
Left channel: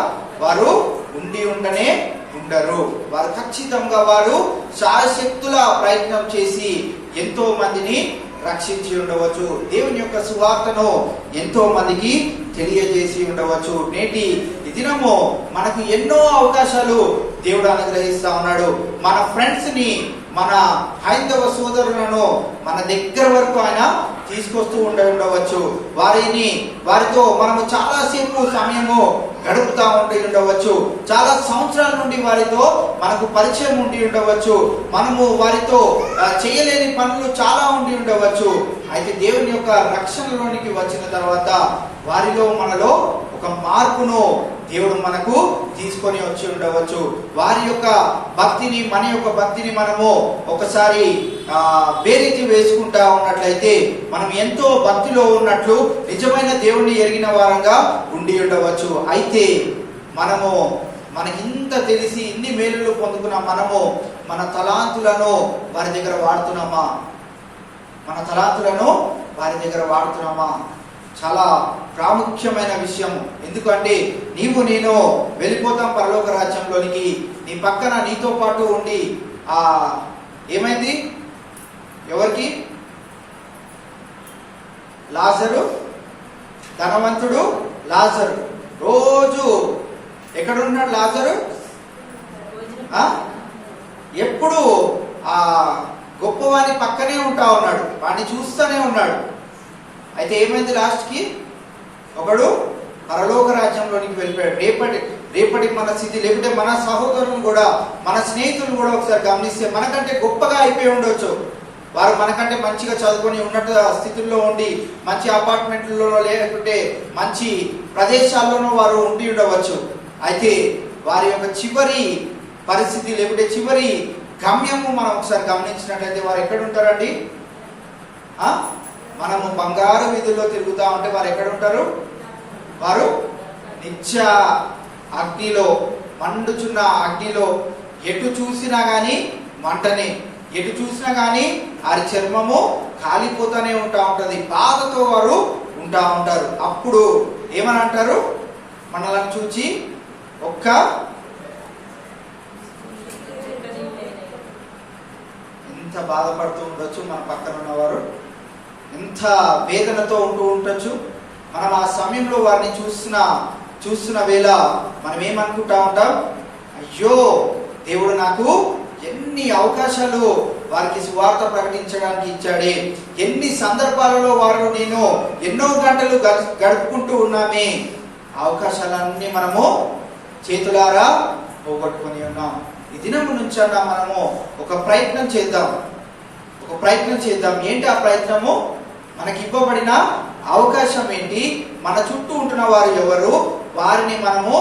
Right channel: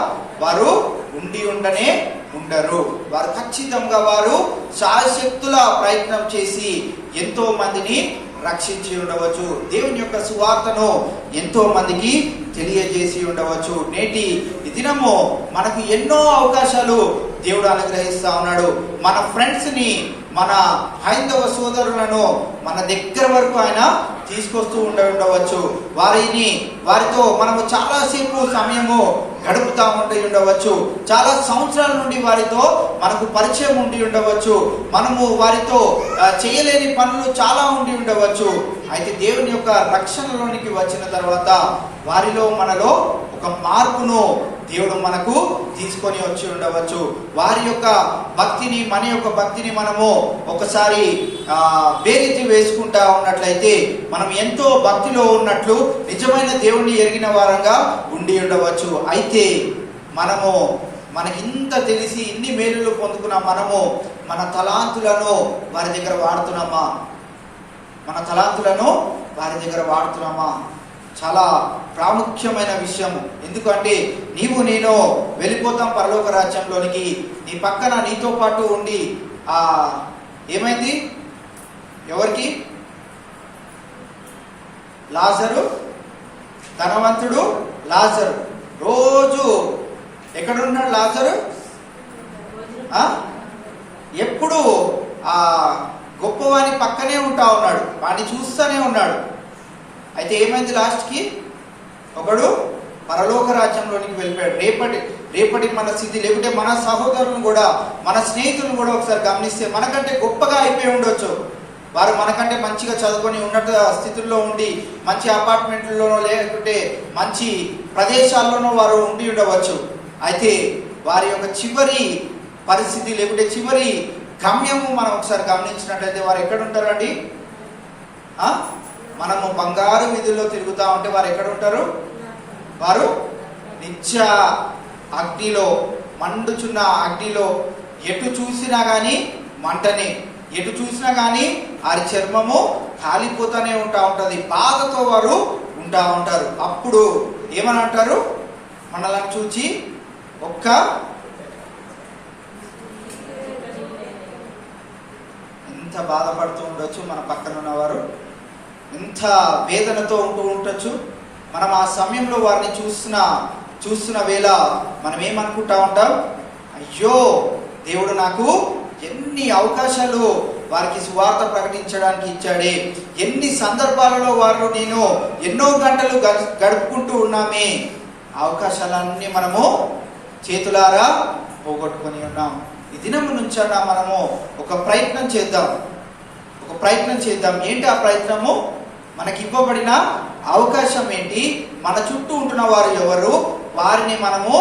వారు ఉండనే ఉండరు. వారు ఖచ్చితంగా వారు శాయశక్తుల ప్రయత్నం చేసి ఎంతో మందిని రక్షించి ఉండవచ్చు. దేవుని యొక్క సువార్తను ఎంతో మందికి తెలియజేసి ఉండవచ్చు. నేటి దినము మనకు ఎన్నో అవకాశాలు దేవుడు అనుగ్రహిస్తా ఉన్నాడు. మన ఫ్రెండ్స్ ని, మన హైందవ సోదరులను మన దగ్గర వరకు ఆయన తీసుకొస్తూ ఉండవచ్చు. వారితో మనము చాలాసేపు సమయము గడుపుతా ఉండవచ్చు. చాలా సంవత్సరాల నుండి వారితో మనకు పరిచయం ఉండి ఉండవచ్చు. మనము వారితో చేయలేని పనులు చాలా ఉండి ఉండవచ్చు. అయితే దేవుని యొక్క రక్షణలోనికి వచ్చిన తర్వాత వారిలో మనలో ఒక మార్పును దేవుడు మనకు తీసుకొని వచ్చి ఉండవచ్చు. వారి యొక్క భక్తిని, మన యొక్క భక్తిని మనము ఒకసారి బేరీతి వేసుకుంటా ఉన్నట్లయితే మనం ఎంతో భక్తిలో ఉన్నట్లు నిజమైన దేవుణ్ణి ఎరిగిన వారంగా ఉండి ఉండవచ్చు. అయితే మనకి ఇంత తెలిసి ఇన్ని మేలులు పొందుకున్న మనము మన తలాంతులను వారి దగ్గర వాడుతున్నామా? చాలా ప్రాముఖ్యమైన విషయం. ఎందుకంటే నేను వెళ్ళిపోతాం పరలోక రాజ్యంలోనికి. నీ పక్కన నీతో పాటు ఉండి ఏమైంది? ఎవరికి? లాజరు, ధనవంతుడు లాజరు. రోజు ఎక్కడున్నాడు లాజరు? ఎప్పుడు ఆ గొప్పవాని పక్కనే ఉంటా ఉన్నాడు, వాడిని చూస్తూనే ఉన్నాడు. అయితే ఏమైంది? లాస్ట్ కి ఒకడు పరలోక రాజ్యంలోనికి వెళ్ళిపోయాడు. రేపటి మన స్థితి, లేకుంటే మన సహోదరులను కూడా, మన స్నేహితులను కూడా ఒకసారి గమనిస్తే మనకంటే గొప్పగా అయిపోయి ఉండొచ్చు. వారు మనకంటే మంచిగా చదువుకొని ఉన్నత స్థితుల్లో ఉండి మంచి అపార్ట్మెంట్లలో లేకుంటే మంచి ప్రదేశాల్లోనూ వారు ఉండి ఉండవచ్చు. అయితే వారి యొక్క చివరి పరిస్థితి లేకుంటే చివరి గమ్యము మనం ఒకసారి గమనించినట్లయితే వారు ఎక్కడ ఉంటారండి? మనము బంగారు వీధుల్లో తిరుగుతా ఉంటే వారు ఎక్కడ ఉంటారు? వారు నిత్య అగ్నిలో, మండుచున్న అగ్నిలో, ఎటు చూసినా గాని మంటనే, ఎటు చూసినా గాని వారి చర్మము కాలిపోతూనే ఉంటది. బాధతో వారు ఉంటా ఉంటారు. అప్పుడు ఏమని అంటారు? మనల్ని చూచి ఎంత బాధపడుతూ ఉండొచ్చు మన పక్కన ఉన్నవారు, ఎంత వేదనతో ఉంటూ ఉండొచ్చు. మనం ఆ సమయంలో వారిని చూస్తున్న వేళ మనం ఏమనుకుంటా ఉంటాం? అయ్యో, దేవుడు నాకు ఎన్ని అవకాశాలు వారికి సువార్త ప్రకటించడానికి ఇచ్చాడే, ఎన్ని సందర్భాలలో వారు నేను ఎన్నో గంటలు గడుపుకుంటూ ఉన్నామే. అవకాశాలన్నీ మనము చేతులారా పోగొట్టుకొని ఉన్నాం. ఈ దినం నుంచి మనము ఒక ప్రయత్నం చేద్దాం. ఏంటి ఆ ప్రయత్నము? మనకి ఇవ్వబడిన అవకాశం ఏంటి? మన చుట్టూ ఉంటున్న వారు ఎవరు? వారిని మనము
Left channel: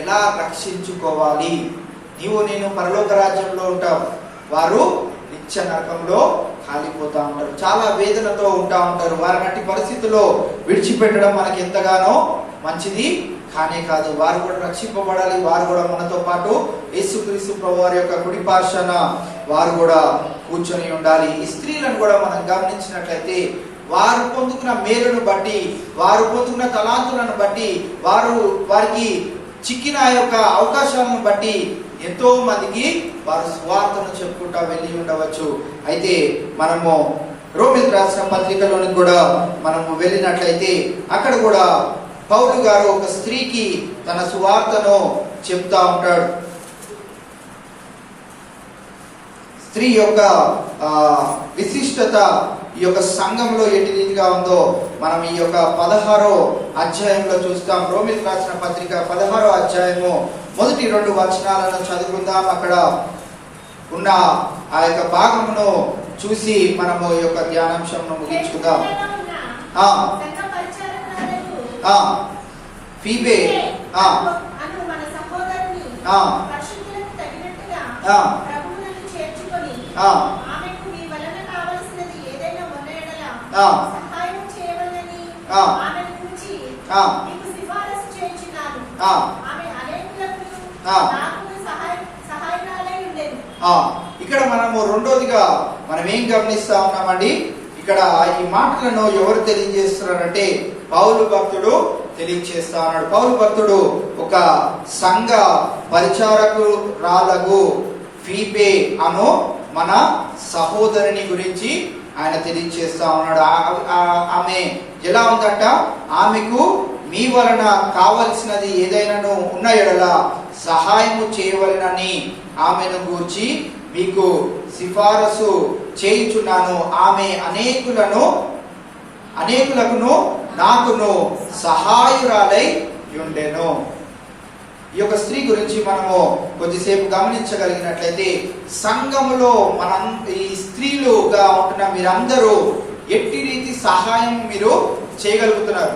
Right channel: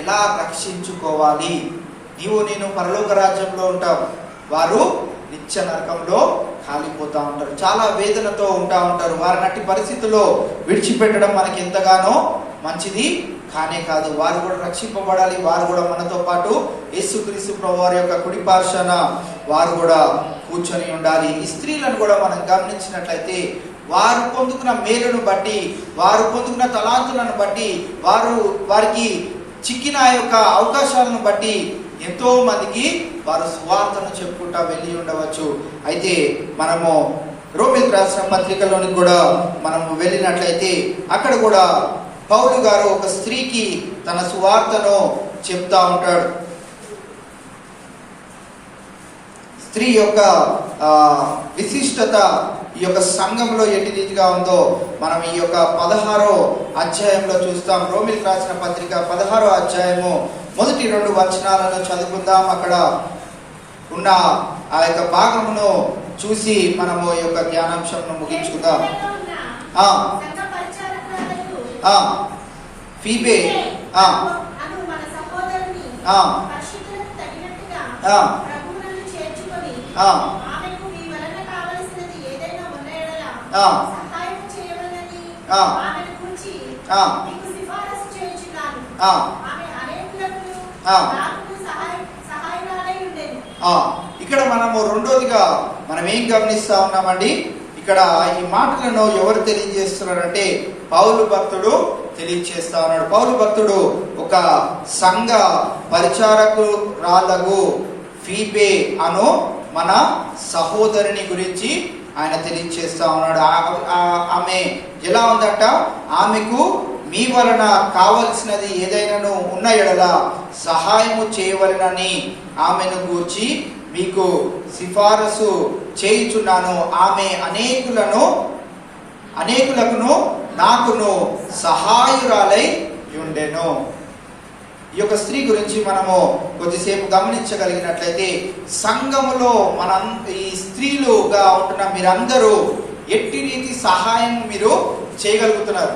ఎలా రక్షించుకోవాలి? నేను పరలోక రాజ్యంలో ఉంటావు, వారు నిత్య నరకంలో కాలిపోతా ఉంటారు, చాలా వేదనతో ఉంటా ఉంటారు. వారి అట్టి పరిస్థితుల్లో విడిచిపెట్టడం మనకి ఎంతగానో మంచిది కానే కాదు. వారు కూడా రక్షింపబడాలి. వారు కూడా మనతో పాటు యేసుక్రీస్తు ప్రభువారి యొక్క కుడి పార్శ్వన వారు కూడా కూర్చొని ఉండాలి. ఈ స్త్రీలను కూడా మనం గమనించినట్లయితే వారు పొందుకున్న మేలును బట్టి, వారు పొందుకున్న తలాంతులను బట్టి, వారికి చిక్కిన యొక్క అవకాశాలను బట్టి ఎంతో మందికి వారు సువార్తను చెప్పుకుంటా వెళ్ళి ఉండవచ్చు. అయితే మనము రోమిలకు రాసిన పత్రికలోని కూడా మనం వెళ్ళినట్లయితే అక్కడ కూడా పౌలు గారు ఒక స్త్రీకి తన సువార్తను చెప్తా ఉంటాడు. స్త్రీ యొక్క విశిష్టత ఈ యొక్క సంఘంలో ఎట్టి రీతిగా ఉందో మనం ఈ యొక్క 16వ అధ్యాయంలో చూస్తాం. రోమిలకు రాసిన పత్రిక 16వ అధ్యాయము మొదటి 2 వచనాలను చదువుకుందాం. అక్కడ ఉన్న ఆ యొక్క భాగమును చూసి మనము ఈ యొక్క ధ్యానాంశంను ముగించుకుందాం. ఫీబే ఇక్కడ మనము రెండోదిగా మనం ఏం గమనిస్తా ఉన్నామండి, ఇక్కడ ఈ మాటలను ఎవరు తెలియజేస్తున్నారంటే పౌలు భక్తుడు తెలియజేస్తా ఉన్నాడు. పౌలు భక్తుడు ఒక సంఘ పరిచారకురాలకు ఫీబే అను మన సహోదరుని గురించి ఆయన తెలియజేస్తా ఉన్నాడు. ఆమె ఎలా ఉందట, ఆమెకు మీ వలన కావలసినది ఏదైనాను ఉన్న ఎడల సహాయము చేయవలనని ఆమెను గూర్చి మీకు సిఫారసు చేయుచున్నాను. ఆమె అనేకులకును నాకును సహాయురాలై ఉండెను. ఈ యొక్క స్త్రీ గురించి మనము కొద్దిసేపు గమనించగలిగినట్లయితే సంఘములో ఈ స్త్రీలుగా ఉంటున్న మీరందరూ ఎట్టి రీతి సహాయం మీరు చేయగలుగుతున్నారు.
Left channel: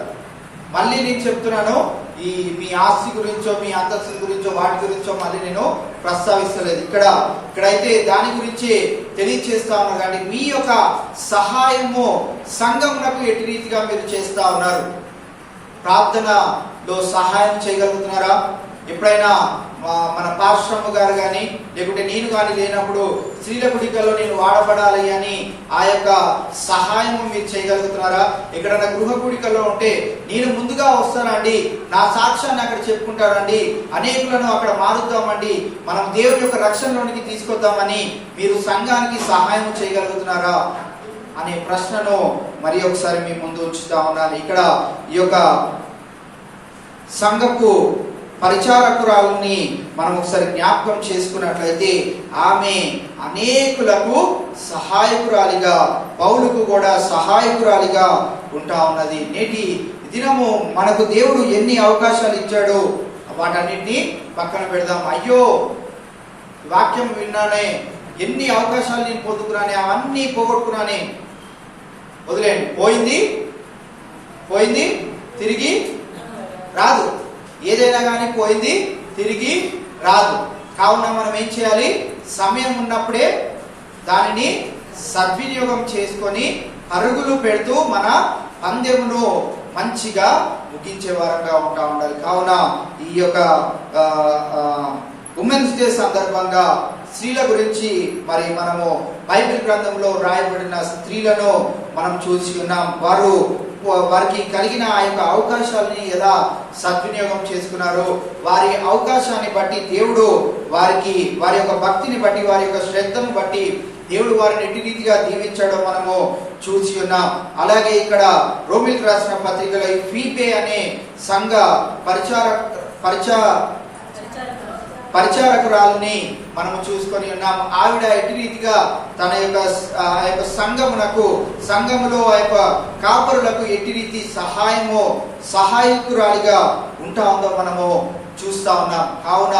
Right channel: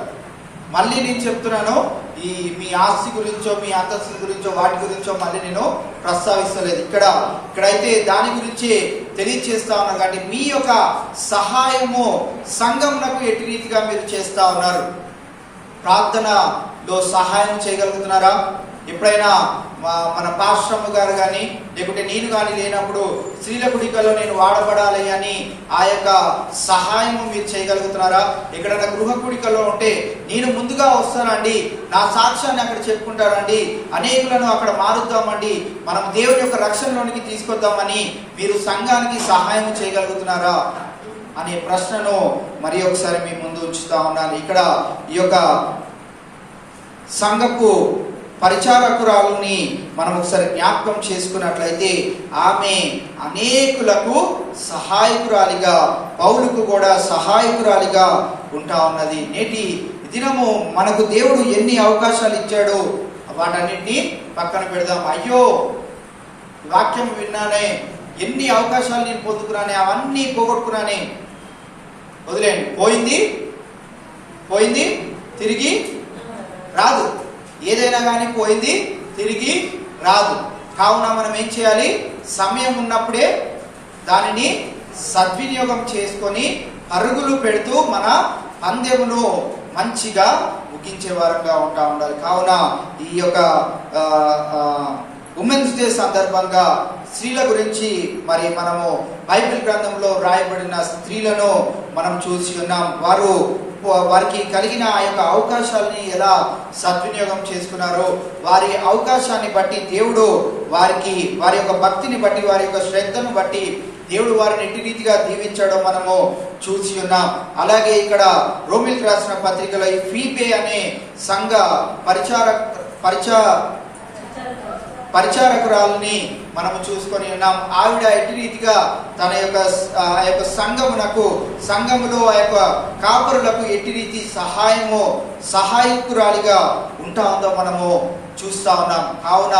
మళ్ళీ నేను చెప్తున్నాను, ఈ మీ ఆస్తి గురించో మీ అంతస్తు గురించో వాటి గురించో మళ్ళీ నేను ప్రస్తావిస్తలేదు. ఇక్కడైతే దాని గురించి తెలియచేస్తా ఉన్నాను. కానీ మీ యొక్క సహాయము సంఘమునకు ఎట్టి రీతిగా మీరు చేస్తా ఉన్నారు. ప్రార్థనలో సహాయం చేయగలుగుతున్నారా? ఎప్పుడైనా మన పాశ్రమ గారు కానీ లేకుంటే నేను కానీ లేనప్పుడు స్త్రీల కుడికల్లో నేను వాడబడాలి అని ఆ యొక్క సహాయం మీరు చేయగలుగుతున్నారా? ఎక్కడైనా గృహ కుడికల్లో ఉంటే నేను ముందుగా వస్తానండి, నా సాక్ష్యాన్ని అక్కడ చెప్పుకుంటానండి, అనేకులను అక్కడ మారుద్దామండి, మనం దేవుని యొక్క రక్షణలోనికి తీసుకొద్దామని మీరు సంఘానికి సహాయం చేయగలుగుతున్నారా అనే ప్రశ్నను మరి ఒకసారి మీ ముందు ఉంచుతా ఉన్నాను. ఇక్కడ ఈ యొక్క సంఘపు పరిచారకురాలని మనం ఒకసారి జ్ఞాపకం చేసుకున్నట్లయితే ఆమె అనేకులకు సహాయకురాలిగా, పౌలుకు కూడా సహాయకురాలిగా ఉంటా ఉన్నది. నేటి దినము మనకు దేవుడు ఎన్ని అవకాశాలు ఇచ్చాడో వాటన్నిటిని పక్కన పెడదాం. అయ్యో వాక్యం విన్నానే, ఎన్ని అవకాశాలు నేను పొందుకున్నానే, అవన్నీ పోగొట్టుకున్నానే, వదిలేండి. పోయింది తిరిగి రాదు. ఏదైనా కానీ పోయింది తిరిగి రాదు. కావున మనం ఏం చేయాలి? సమయం ఉన్నప్పుడే దానిని సద్వినియోగం చేసుకొని అరుగులు పెడుతూ మన పందెమును మంచిగా ముగించే వారంగా ఉండాలి. కావున ఈ యొక్క ఉమెన్స్ డే సందర్భంగా స్త్రీల గురించి మరి మనము బైబిల్ గ్రంథంలో రాయబడిన స్త్రీలను మనం చూసి ఉన్నాం. వారికి కలిగిన ఆ యొక్క అవకాశాలని ఎలా సద్వినియోగం చేసుకున్నారో, వారి అవకాశాన్ని బట్టి దేవుడు వారి యొక్క భక్తిని బట్టి, వారి యొక్క శ్రద్ధను బట్టి దేవుడు వారిని ఎట్టి రీతిగా దీవించడం మనము చూసి ఉన్నాం. అలాగే ఇక్కడ రోమిలకు రాసిన పత్రికలో ఈ ఫీబే అనే సంఘ పరిచారకురాలని మనము చూసుకొని ఉన్నాం. ఆవిడ ఎట్టి రీతిగా తన యొక్క సంఘములో ఆ యొక్క కాపురులకు ఎట్టి రీతి సహాయకురాలిగా ఉంటా ఉందో మనము చూస్తా ఉన్నాం. కావున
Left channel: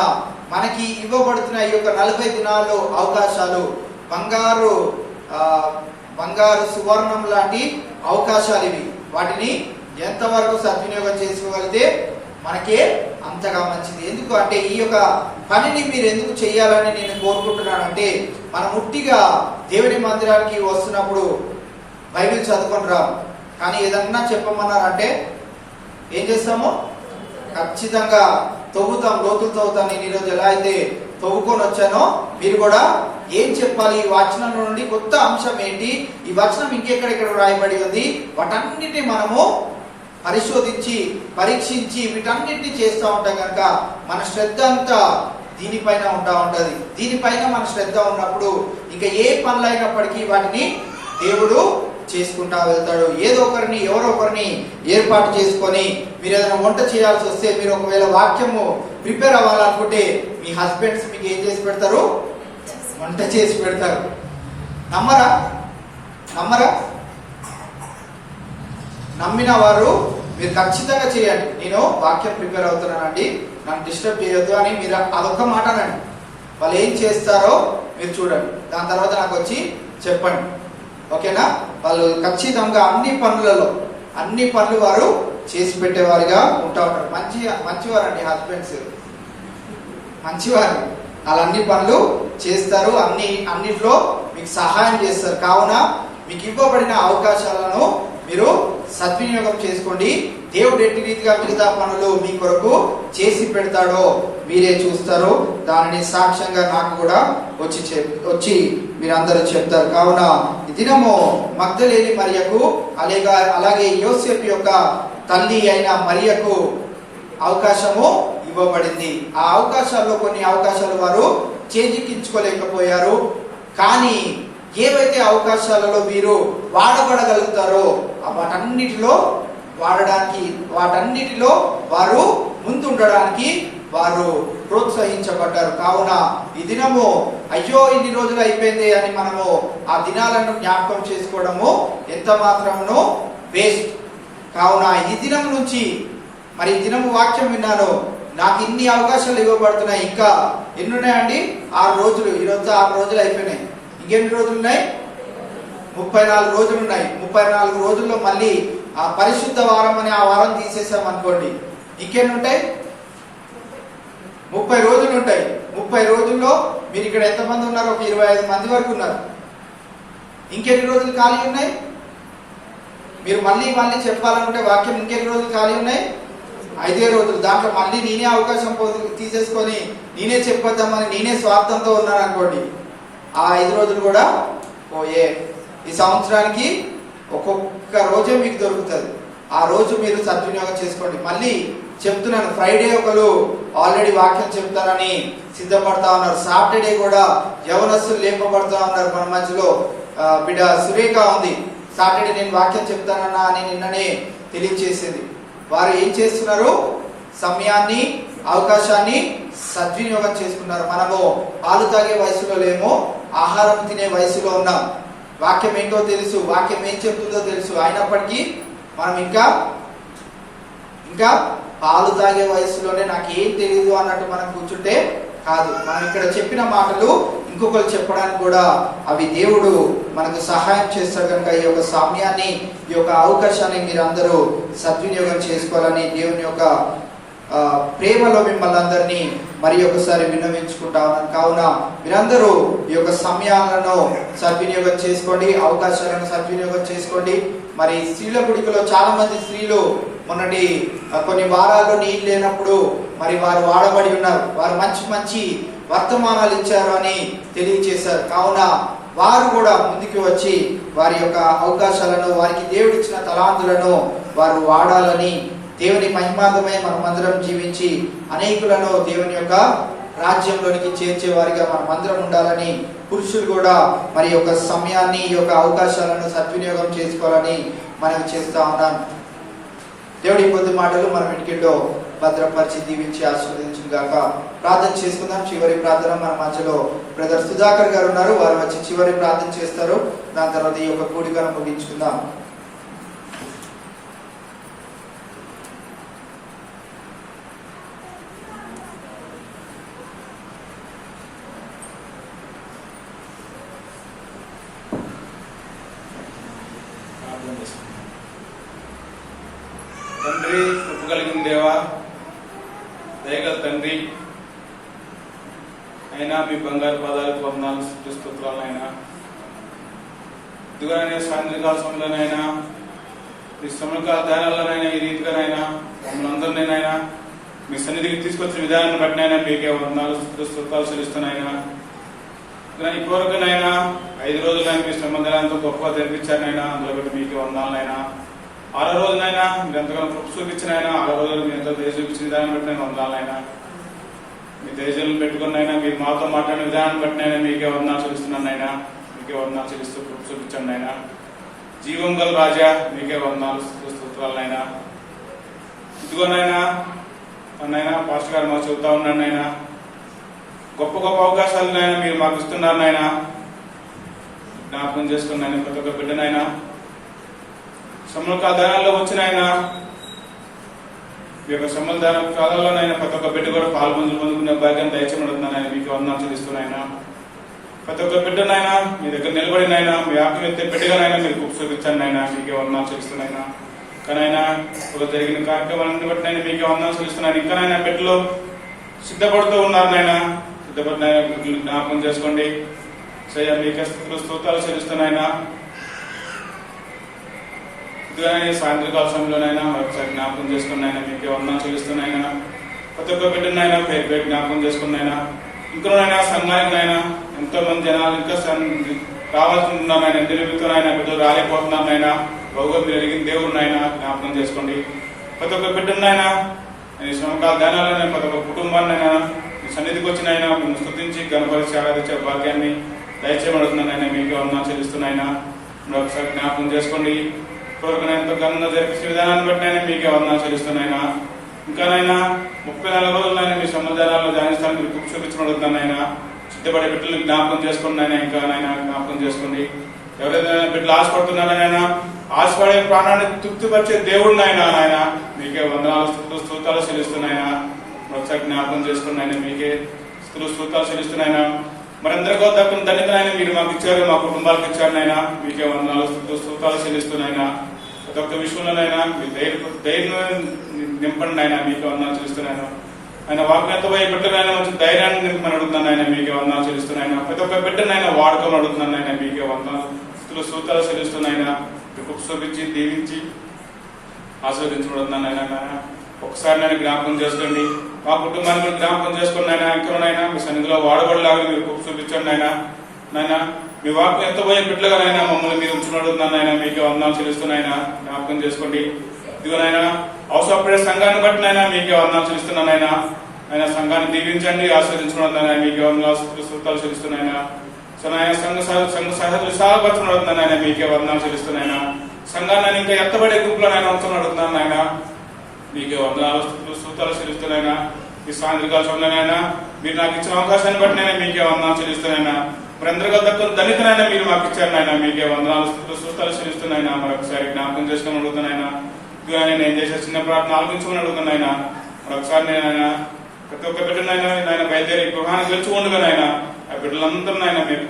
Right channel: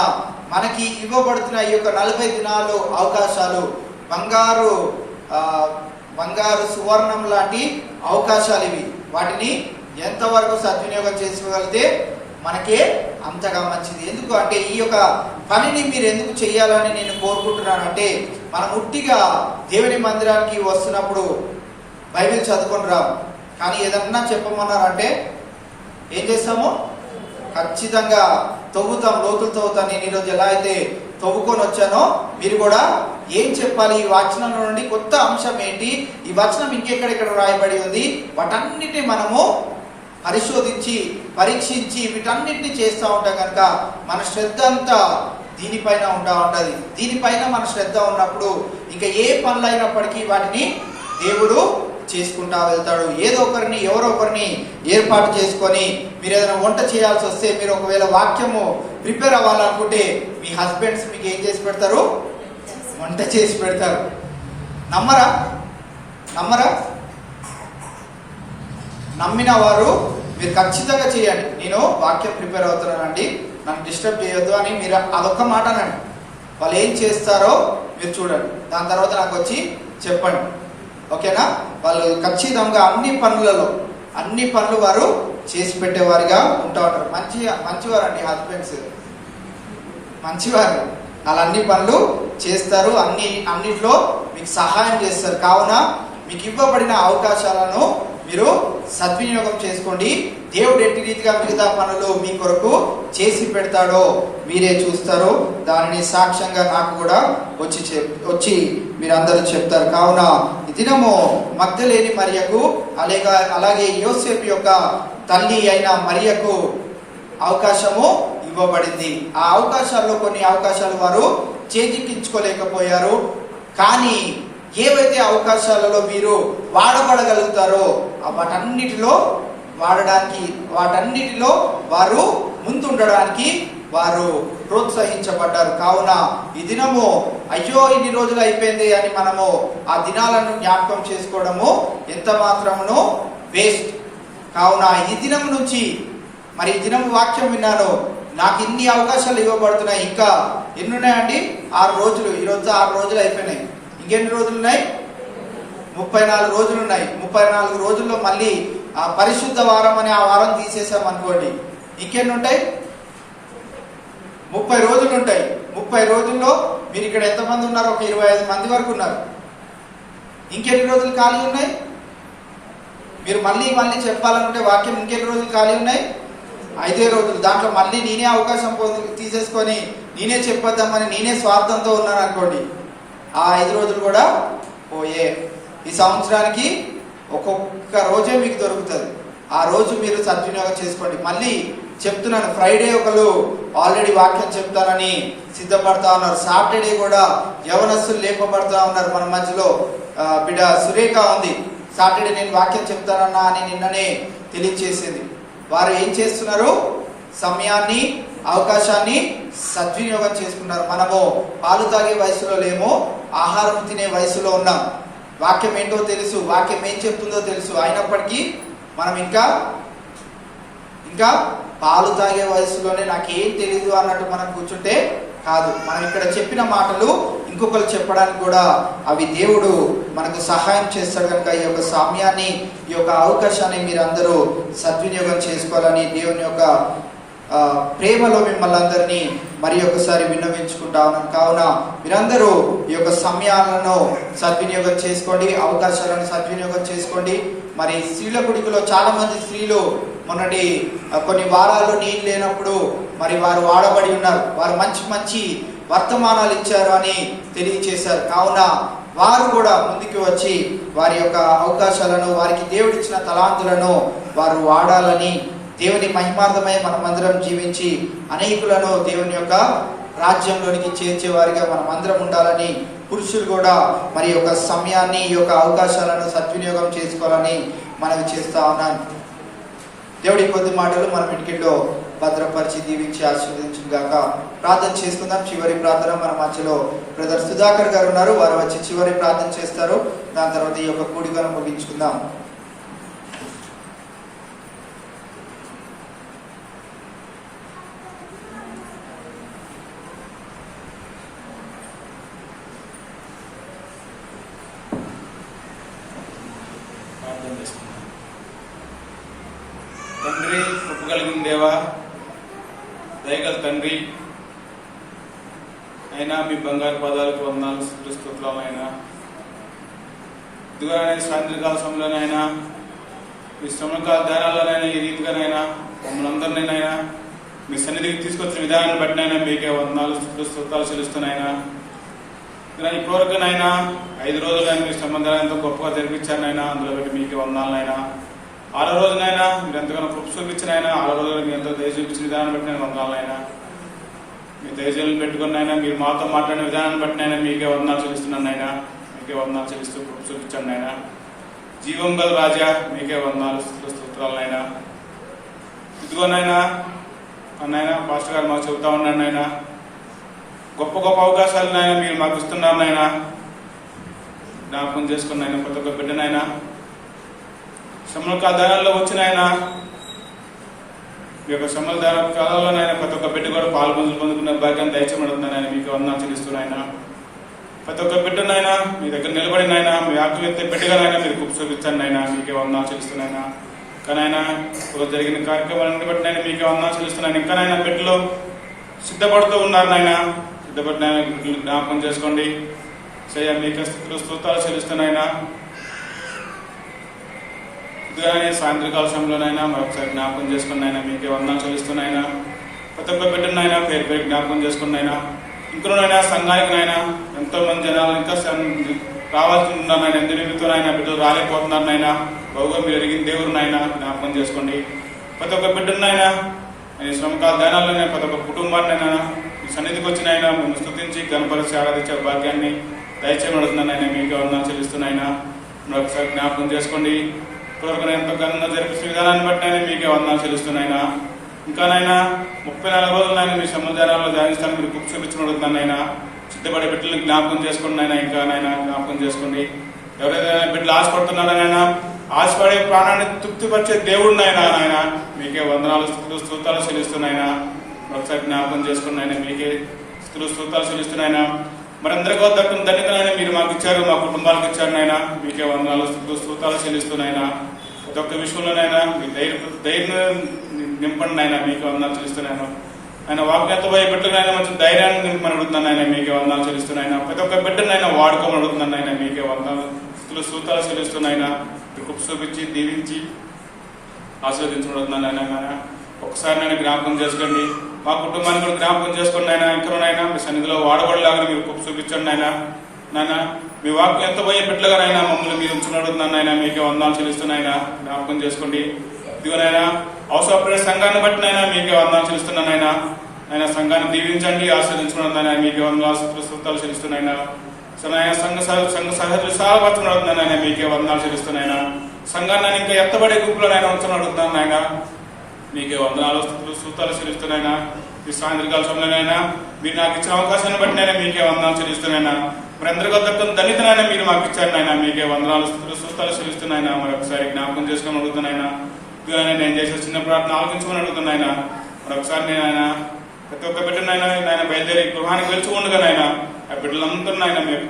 మనకి ఇవ్వబడుతున్న ఈ యొక్క 40 దినాలు అవకాశాలు బంగారు సువర్ణం లాంటి అవకాశాలు ఇవి. వాటిని ఎంతవరకు సద్వినియోగం చేసుకోగలిగితే మనకే అంతగా మంచిది. ఎందుకు అంటే ఈ యొక్క పనిని మీరు ఎందుకు చేయాలని నేను కోరుకుంటున్నాను అంటే, మనం ముట్టిగా దేవుని మందిరానికి వస్తున్నప్పుడు బైబిల్ చదువుకొని రాము, కానీ ఏదన్నా చెప్పమన్నారంటే ఏం చేస్తాము? ఖచ్చితంగా తవ్వుతాం, లోతులు తవ్వుతాం. నేను ఈరోజు ఎలా అయితే తవ్వుకొని వచ్చానో మీరు కూడా ఏం చెప్పాలి, ఈ వచనం నుండి కొత్త అంశం ఏంటి, ఈ వచనం ఇంకెక్కడెక్కడ రాయబడి ఉంది, వాటన్నిటిని మనము పరిశోధించి పరీక్షించి వీటన్నిటిని చేస్తూ ఉంటాం. కనుక మన శ్రద్ధ అంతా దీనిపైన ఉంటది. దీనిపైన మన శ్రద్ధ ఉన్నప్పుడు ఇంకా ఏ పనులైనప్పటికీ వాటిని దేవుడు చేసుకుంటా వెళ్తాడు. ఏదో ఒకరిని ఎవరో ఒకరిని ఏర్పాటు చేసుకొని మీరు ఏదైనా వంట చేయాల్సి వస్తే, మీరు ఒకవేళ వాక్యము ప్రిపేర్ అవ్వాలనుకుంటే మీ హస్బెండ్స్ మీకు ఏం చేసి పెడతారు? వంట చేసి పెడతారు. నమ్మరా? నమ్మరా? నమ్మిన వారు మీరు ఖచ్చితంగా చేయండి. నేను వాక్యం ప్రిపేర్ అవుతున్నానండి, నన్ను డిస్టర్బ్ చేయొద్దు అని మీరు అదొక మాట అనండి. వాళ్ళు ఏం చేస్తారో మీరు చూడండి, దాని తర్వాత నాకు వచ్చి చెప్పండి. ఓకేనా? వాళ్ళు ఖచ్చితంగా అన్ని పనులు వారు చేసి పెట్టేవారిగా ఉంటా ఉంటారు. మంచివారండి హస్బెండ్స్, మంచివారు. వాళ్ళు అన్ని పనులు చేస్తారు, అన్నిట్లో మీకు సహాయం చేస్తారు. కావున మీకు ఇవ్వబడిన అవకాశాలను మీరు సద్వినియోగం చేసుకోండి. దేవుడు ఎట్టి రీతిగా మిగతా పనులు మీ కొరకు చేసి పెడతాడో మీరే చూస్తారు. దానిని సాక్ష్యంగా నాకు కూడా వచ్చి మీరందరూ చెప్తారు. కావున ఈ దినము మగ్దలేని మరియకు అలాగే యోసేపు యొక్క తల్లి అయిన మరియకు అవకాశము ఇవ్వబడింది. ఆ అవకాశాల్లో కొన్ని అవకాశాలు వారు చేజిక్కించుకోలేకపోయారు. కానీ ఏవైతే అవకాశాలలో మీరు వాడబడగలుగుతారో వాటన్నిటిలో వారు ముందుండడానికి వారు ప్రోత్సహించబడ్డారు. కావున ఈ దినము అయ్యో ఇన్ని రోజులు అయిపోయింది అని మనము ఆ దినాలను జ్ఞాపకం చేసుకోవడము ఎంత మాత్రమును వేస్ట్. కావున ఈ దినం నుంచి మరి ఈ దినము వాక్యం విన్నాను, నాకు ఇన్ని అవకాశాలు ఇవ్వబడుతున్నాయి, ఇంకా ఎన్ని ఉన్నాయండి? 6 రోజులు. ఈరోజు 6 రోజులు అయిపోయినాయి. ఇంకెన్ని రోజులు ఉన్నాయి? 34 రోజులు ఉన్నాయి. 34 రోజుల్లో మళ్ళీ ఆ పరిశుద్ధ వారం అని ఆ వారం తీసేసాం అనుకోండి, ఇంకెన్ని ఉంటాయి? 30 రోజులు ఉంటాయి. 30 రోజుల్లో మీరు ఇక్కడ ఎంతమంది ఉన్నారు? ఒక 25 మంది వరకు ఉన్నారు. ఇంకెన్ని రోజులు ఖాళీ ఉన్నాయి? మీరు మళ్ళీ చెప్పాలనుకుంటే వాక్యం ఇంకెన్ని రోజులు ఖాళీ ఉన్నాయి? 5 రోజులు. దాంట్లో మళ్ళీ నేనే అవకాశం తీసేసుకొని నేనే చెప్పొద్దామని నేనే స్వార్థంతో ఉన్నాను అనుకోండి, ఆ 5 రోజులు కూడా పోయే. ఈ సంవత్సరానికి ఒక్కొక్క రోజే మీకు దొరుకుతుంది. ఆ రోజు మీరు సద్వినియోగం చేసుకోండి. మళ్ళీ చెప్తున్నాను, ఫ్రైడే ఒకరు ఆల్రెడీ వాక్యం చెప్తారని సిద్ధపడతా ఉన్నారు. సాటర్డే కూడా యవనస్తులు లేపబడతా ఉన్నారు. మన మధ్యలో బిడ్డ సురేఖ ఉంది. సాటర్డే నేను వాక్యం చెప్తానన్నా అని నిన్ననే తెలియజేసింది. వారు ఏం చేస్తున్నారు? సమయాన్ని, అవకాశాన్ని సద్వినియోగం చేసుకున్నారు. మనము పాలు తాగే వయసులో లేము, ఆహారం తినే వయసులో ఉన్నాం. వాక్యం ఏంటో తెలుసు, వాక్యం ఏం చెప్తుందో తెలుసు. అయినప్పటికీ మనం ఇంకా పాలు తాగే వయసులోనే నాకేం తెలియదు అన్నట్టు మనం కూర్చుంటే కాదు. మనం ఇక్కడ చెప్పిన మాటలు ఇంకొకరు చెప్పడానికి కూడా అవి దేవుడు మనకు సహాయం చేస్తారు. కనుక ఈ యొక్క సమయాన్ని, ఈ యొక్క అవకాశాన్ని మీరు అందరూ సద్వినియోగం చేసుకోవాలని దేవుని యొక్క ప్రేమలో మిమ్మల్ని అందరినీ మరి ఒకసారి విన్నవించుకుంటా ఉన్నాను. కావున మీరందరూ ఈ యొక్క సమయాలను సద్వినియోగం చేసుకోండి, అవకాశాలను సద్వినియోగం చేసుకోండి. మరి స్త్రీల గుడికలో చాలా మంది స్త్రీలు మొన్నటి కొన్ని వారాల్లో నీళ్ళు లేనప్పుడు మరి వారు వాడబడి ఉన్నారు. వారు మంచి వర్తమానాలు ఇచ్చారు అని తెలియచేశారు. కావున వారు కూడా ముందుకు వచ్చి వారి యొక్క అవకాశాలను, వారికి దేవుడు ఇచ్చిన తలాంతులను వారు వాడాలని, దేవుని మహిమార్థమై మనమందరం జీవించి అనేకులను దేవుని యొక్క రాజ్యంలోనికి చేర్చే వారిగా మనం అందరం ఉండాలని, పురుషులు కూడా మరి యొక్క సమయాన్ని, ఈ యొక్క అవకాశాలను సద్వినియోగం చేసుకోవాలని మనం చేస్తా ఉన్నాను. దేవుడి కొద్ది మాటలు మనం ఇంటిలో భద్రపరిచి దీవించి ఆశీర్వదించుగాక. ప్రార్థన చేసుకుందాం. చివరి ప్రార్థన మన మధ్యలో బ్రదర్ సుధాకర్ గారు ఉన్నారు. వారు వచ్చి చివరి ప్రార్థన చేస్తారు. దాని తర్వాత ఈ యొక్క కూడికను ముగించుకుందాం. తండ్రి, కృప కలిగిన దేవా, దయగల తండ్రి అయినా మీ బంగారు పాదాలకు వందనాలు, స్తుతులైనా ఇదిగా సాయంత్రకాల సమయంలోనైనా మీ సమకాల ధ్యానాల్లోనైనా ఈ రీతిగానైనా మమ్మల్ని అందరినైనా మీ సన్నిధికి తీసుకొచ్చిన విధానాన్ని బట్టినైనా మీకే వందనాలు, స్తుతులు చెల్లిస్తున్నాయినా. ఈ కోరికనైనా 5 రోజులైనా మీ సంబంధాలతో గొప్పగా జరిపించారైనా, అందులో బట్టి మీకే వందనాలైనా. 6వ రోజునైనా మీరు ఎంతగానో కృప చూపించినైనా, 6వ రోజులు మీ ఎంతో దయ చూపించిన విధానం బట్టి నేను వందనాలైనా. మీ దయచేలు పెట్టుకున్నైనా, మీరు మాతో మాట్లాడిన విధానం బట్టినైనా మీకే వందనాలు చెల్లిస్తున్నానైనా. మీకే వందనాలు చెల్లిస్తూ కృప చూపించండి అయినా. జీవం గల రాజా మీకే వందనాలు స్తోత్రాలనైనా. ఇదిగోనైనా నైనా పాస్టర్ గారు మాకు చెబుతా ఉన్నాను నాయన, గొప్ప గొప్ప అవకాశాలనైనా మీరు మాకు ఇస్తున్నారు నాయన. జ్ఞాపకం చేసుకున్నాయన ప్రతి ఒక్క బిడ్డనైనా శ్రమల దినాల్లో వచ్చినాయన, ఈ యొక్క శ్రమల కాలంలోనైనా ప్రతి ఒక్క బిడ్డ కూడా పాల్గొనుకున్న భాగ్యాన్ని దయచేయమడుతున్నాయన. మీకు వందనాలు చెల్లిస్తున్నాయన. ప్రతి ఒక్క బిడ్డనైనా మీ దగ్గర నిలబడినైనా మీ ఆత్మీయత బిడ్డగానైనా మీరు చూపించండి అయినా. మీకే వందనాలు చెల్లిస్తున్నాయినా. కానైనా జరిగిన కార్యక్రమాలను బట్టి నైనా మీకే వందనాలు చెల్లిస్తున్నాను. ఇంకానైనా బిడ్డలు సిద్ధపడుతూ ఉన్నారు నాయన. సిద్ధపడిన బిడ్డలు జ్ఞాపకం చేసుకోండి. సయ్యా మీకు స్తోత్రాలు చెల్లిస్తున్నాయినా. ఇదిగానే సాయంత్రకాల సమయంలోనైనా మరొకసారి జ్ఞాపకం చేసుకున్నాయినా. మీకే వందనాలు చెల్లిస్తున్నాయినా. ప్రతి ఒక్క బిడ్డనైనా పేరు పేరు జ్ఞాపకం చేసుకున్నాయినా. ఇంకనైనా సంఘానికైనా ఎంతో మంది జనాలు ఇంకా రావాల్సి ఉన్నారైనా నిలుపుతున్నాయినా బిడ్డలు రాలేకపోతున్నారనైనా. బహుగా మీరు ఎరిగిన దేవుడునైనా జ్ఞాపకం చేసుకోండి. ప్రతి ఒక్క బిడ్డనైనా ఈ శ్రమకాల ధ్యానాల్లోనే ప్రతి ఒక్క కుటుంబాన్నైనా ఈ సన్నిధికి వచ్చినైనా మిమ్మల్ని స్తుతించి గణపరిచి ఆరాధించే భాగ్యాన్ని దయచేయబడుతున్నానైనా. మీకే వందనాలు చెల్లిస్తున్నాయినా. ఒకసారి జ్ఞాపకం చేసుకోండి. ఇప్పటివరకు నేను ఘనంగా జరిపే విధానాన్ని బట్టి అయినా మీకే వందనాలు చెల్లిస్తున్నాయినా. ఇంకానైనా 34 రోజులైనా మీ సముదాయాల్లో ధ్యానిస్తాను మీరు బుక్ చూపించబడుతున్నానైనా. సిద్ధపడే బిడ్డలు జ్ఞాపకం చేసుకున్నాయినా. ఇంకానైనా జ్ఞాపకం చేసుకోండి. ఎవరైనా బిడ్డలు ఆశపడుతున్నారనైనా ఆశపడే ప్రాణాన్ని తృప్తిపరిచే దేవుడినైనా ఆయన మీకే వందనాలు స్తోత్రాలు చెల్లిస్తున్నాయినా. ఒకసారి జ్ఞాపకం చేసుకున్నాయినా. మీకే స్తోత్రాలు చెల్లిస్తున్నాయినా. మరందరికీ దక్కున ధన్యతనైనా మీరు మాకు ఇచ్చారు, మా కుటుంబాలకు ఇచ్చారునైనా. మీకే వందనాలు స్తోత్రాలు చెల్లిస్తున్నాయినా. ప్రతి ఒక్క విషయంలోనైనా మీ ధైర్యం నింపండి అయినా. మీకే వందనాలు చెల్లిస్తున్నాయినా. ఆయన వాక్యంతో పోయే బిడ్డలైనా మంచి ధైర్యాన్ని నింపని అడుగుతున్నాను ఆయన. మీకే వందనాలు చెల్లిస్తున్నాయినా. ప్రతి ఒక్క బిడ్డనైనా వాడుకోమని అడుగుతున్నాను ఆయన. మీకే వందనాలు స్తోత్రాలు చెల్లిస్తున్నాయినా. మీకు చూపించి దీవించి ఆశీర్వదించబడుతున్నాను ఆయన. ఒకసారి నేను జ్ఞాపకం చేసుకోండి. మా కుటుంబాన్ని జ్ఞాపకం చేసుకుని ఆయన. ఇంకనైనా మీ సన్నిధిలో వాడబడలాగా మీరు చూపించండి ఆయన. నాయన మీ వాక్యం ఎంత పోయే బిడ్డలుగానైనా మమ్మల్ని మీరు ఉంచున్నాడుతున్నాను ఆయన. మీకే వందనాలు చెల్లిస్తున్నాయినా. జ్ఞాపకం చేసుకోండి. ఇదిగోనైనా అవసరపడే సంఘాన్ని బట్టి నైనా మీకే వందనాలు చెల్లిస్తున్నాను ఆయన. ఆయన సంఘాన్ని దీవించండి, ఆశీర్వదించుకున్నాను ఆయన. మీకే వందనాలు స్తోత్రాలు చెల్లిస్తున్నాయినా. సో నాయన సంఘ సహజ విశాలపరచుకున్నాడు ఆయన. మీకే వందనాలు చెల్లిస్తున్నాయినా. సంఘాన్ని ఇంకా ఎత్తబడే గుంపులో ఆయన ఉంచున్నాడుతున్నాను ఆయన. మీకే వందనాలు స్తోత్రాలు చెల్లిస్తున్నాయినా. ఈ సాయంత్రకాల సమయంలోనైనా మీరు నాకు ఇచ్చిన అవకాశాన్ని బట్టి నేను మీకే వందనాలు చెల్లిస్తున్నాయినా. మరి అందరికీ దక్కున దళితనైనా మీరు మాకు ఇచ్చారు నాయన. మీకే వందనాలు స్తోత్రాలు చెల్లిస్తున్నాయినా. మరొకసారి జ్ఞాపకం చేసుకుని అడుగుతున్నాయినా. నేను చేసే చిన్న ప్రార్థన ఆలోచించుకుని అడుగుతున్నాయినా. మరొకసారి నేను ప్రతి ఒక్క బిడ్డనైనా ఆయన బయలుదేరి గృహానికి వెళ్చుకుండగానైనా ఆ బిడ్డలందరూ నాయన మీకు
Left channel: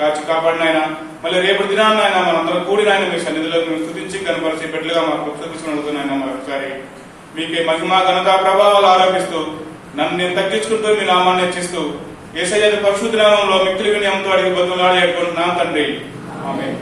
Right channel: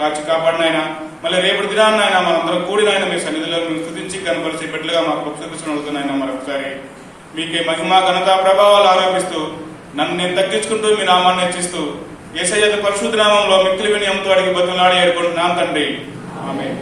కాచి కాపాడినైనా. మళ్ళీ రేపు దినాన్ని ఆయన మనందరూ కూడినైనా మీ సన్నిధిలో మీరు స్తుతించి కనపరిచే బిడ్డలుగా మాకు చూపించుకుని అడుగుతున్నాయినా. మరొకసారి మీకే మహిమ ఘనత ప్రభావాలు ఆరోపిస్తూ నన్ను నేను తగ్గించుకుంటూ మీ నామాన్ని హెచ్చిస్తూ యేసయ్య పరిశుద్ధ నామంలో మిక్కిలి వినయంతో అడిగి బతులాడి ఏడుకుంటున్నాను తండ్రి. ఆమేన్.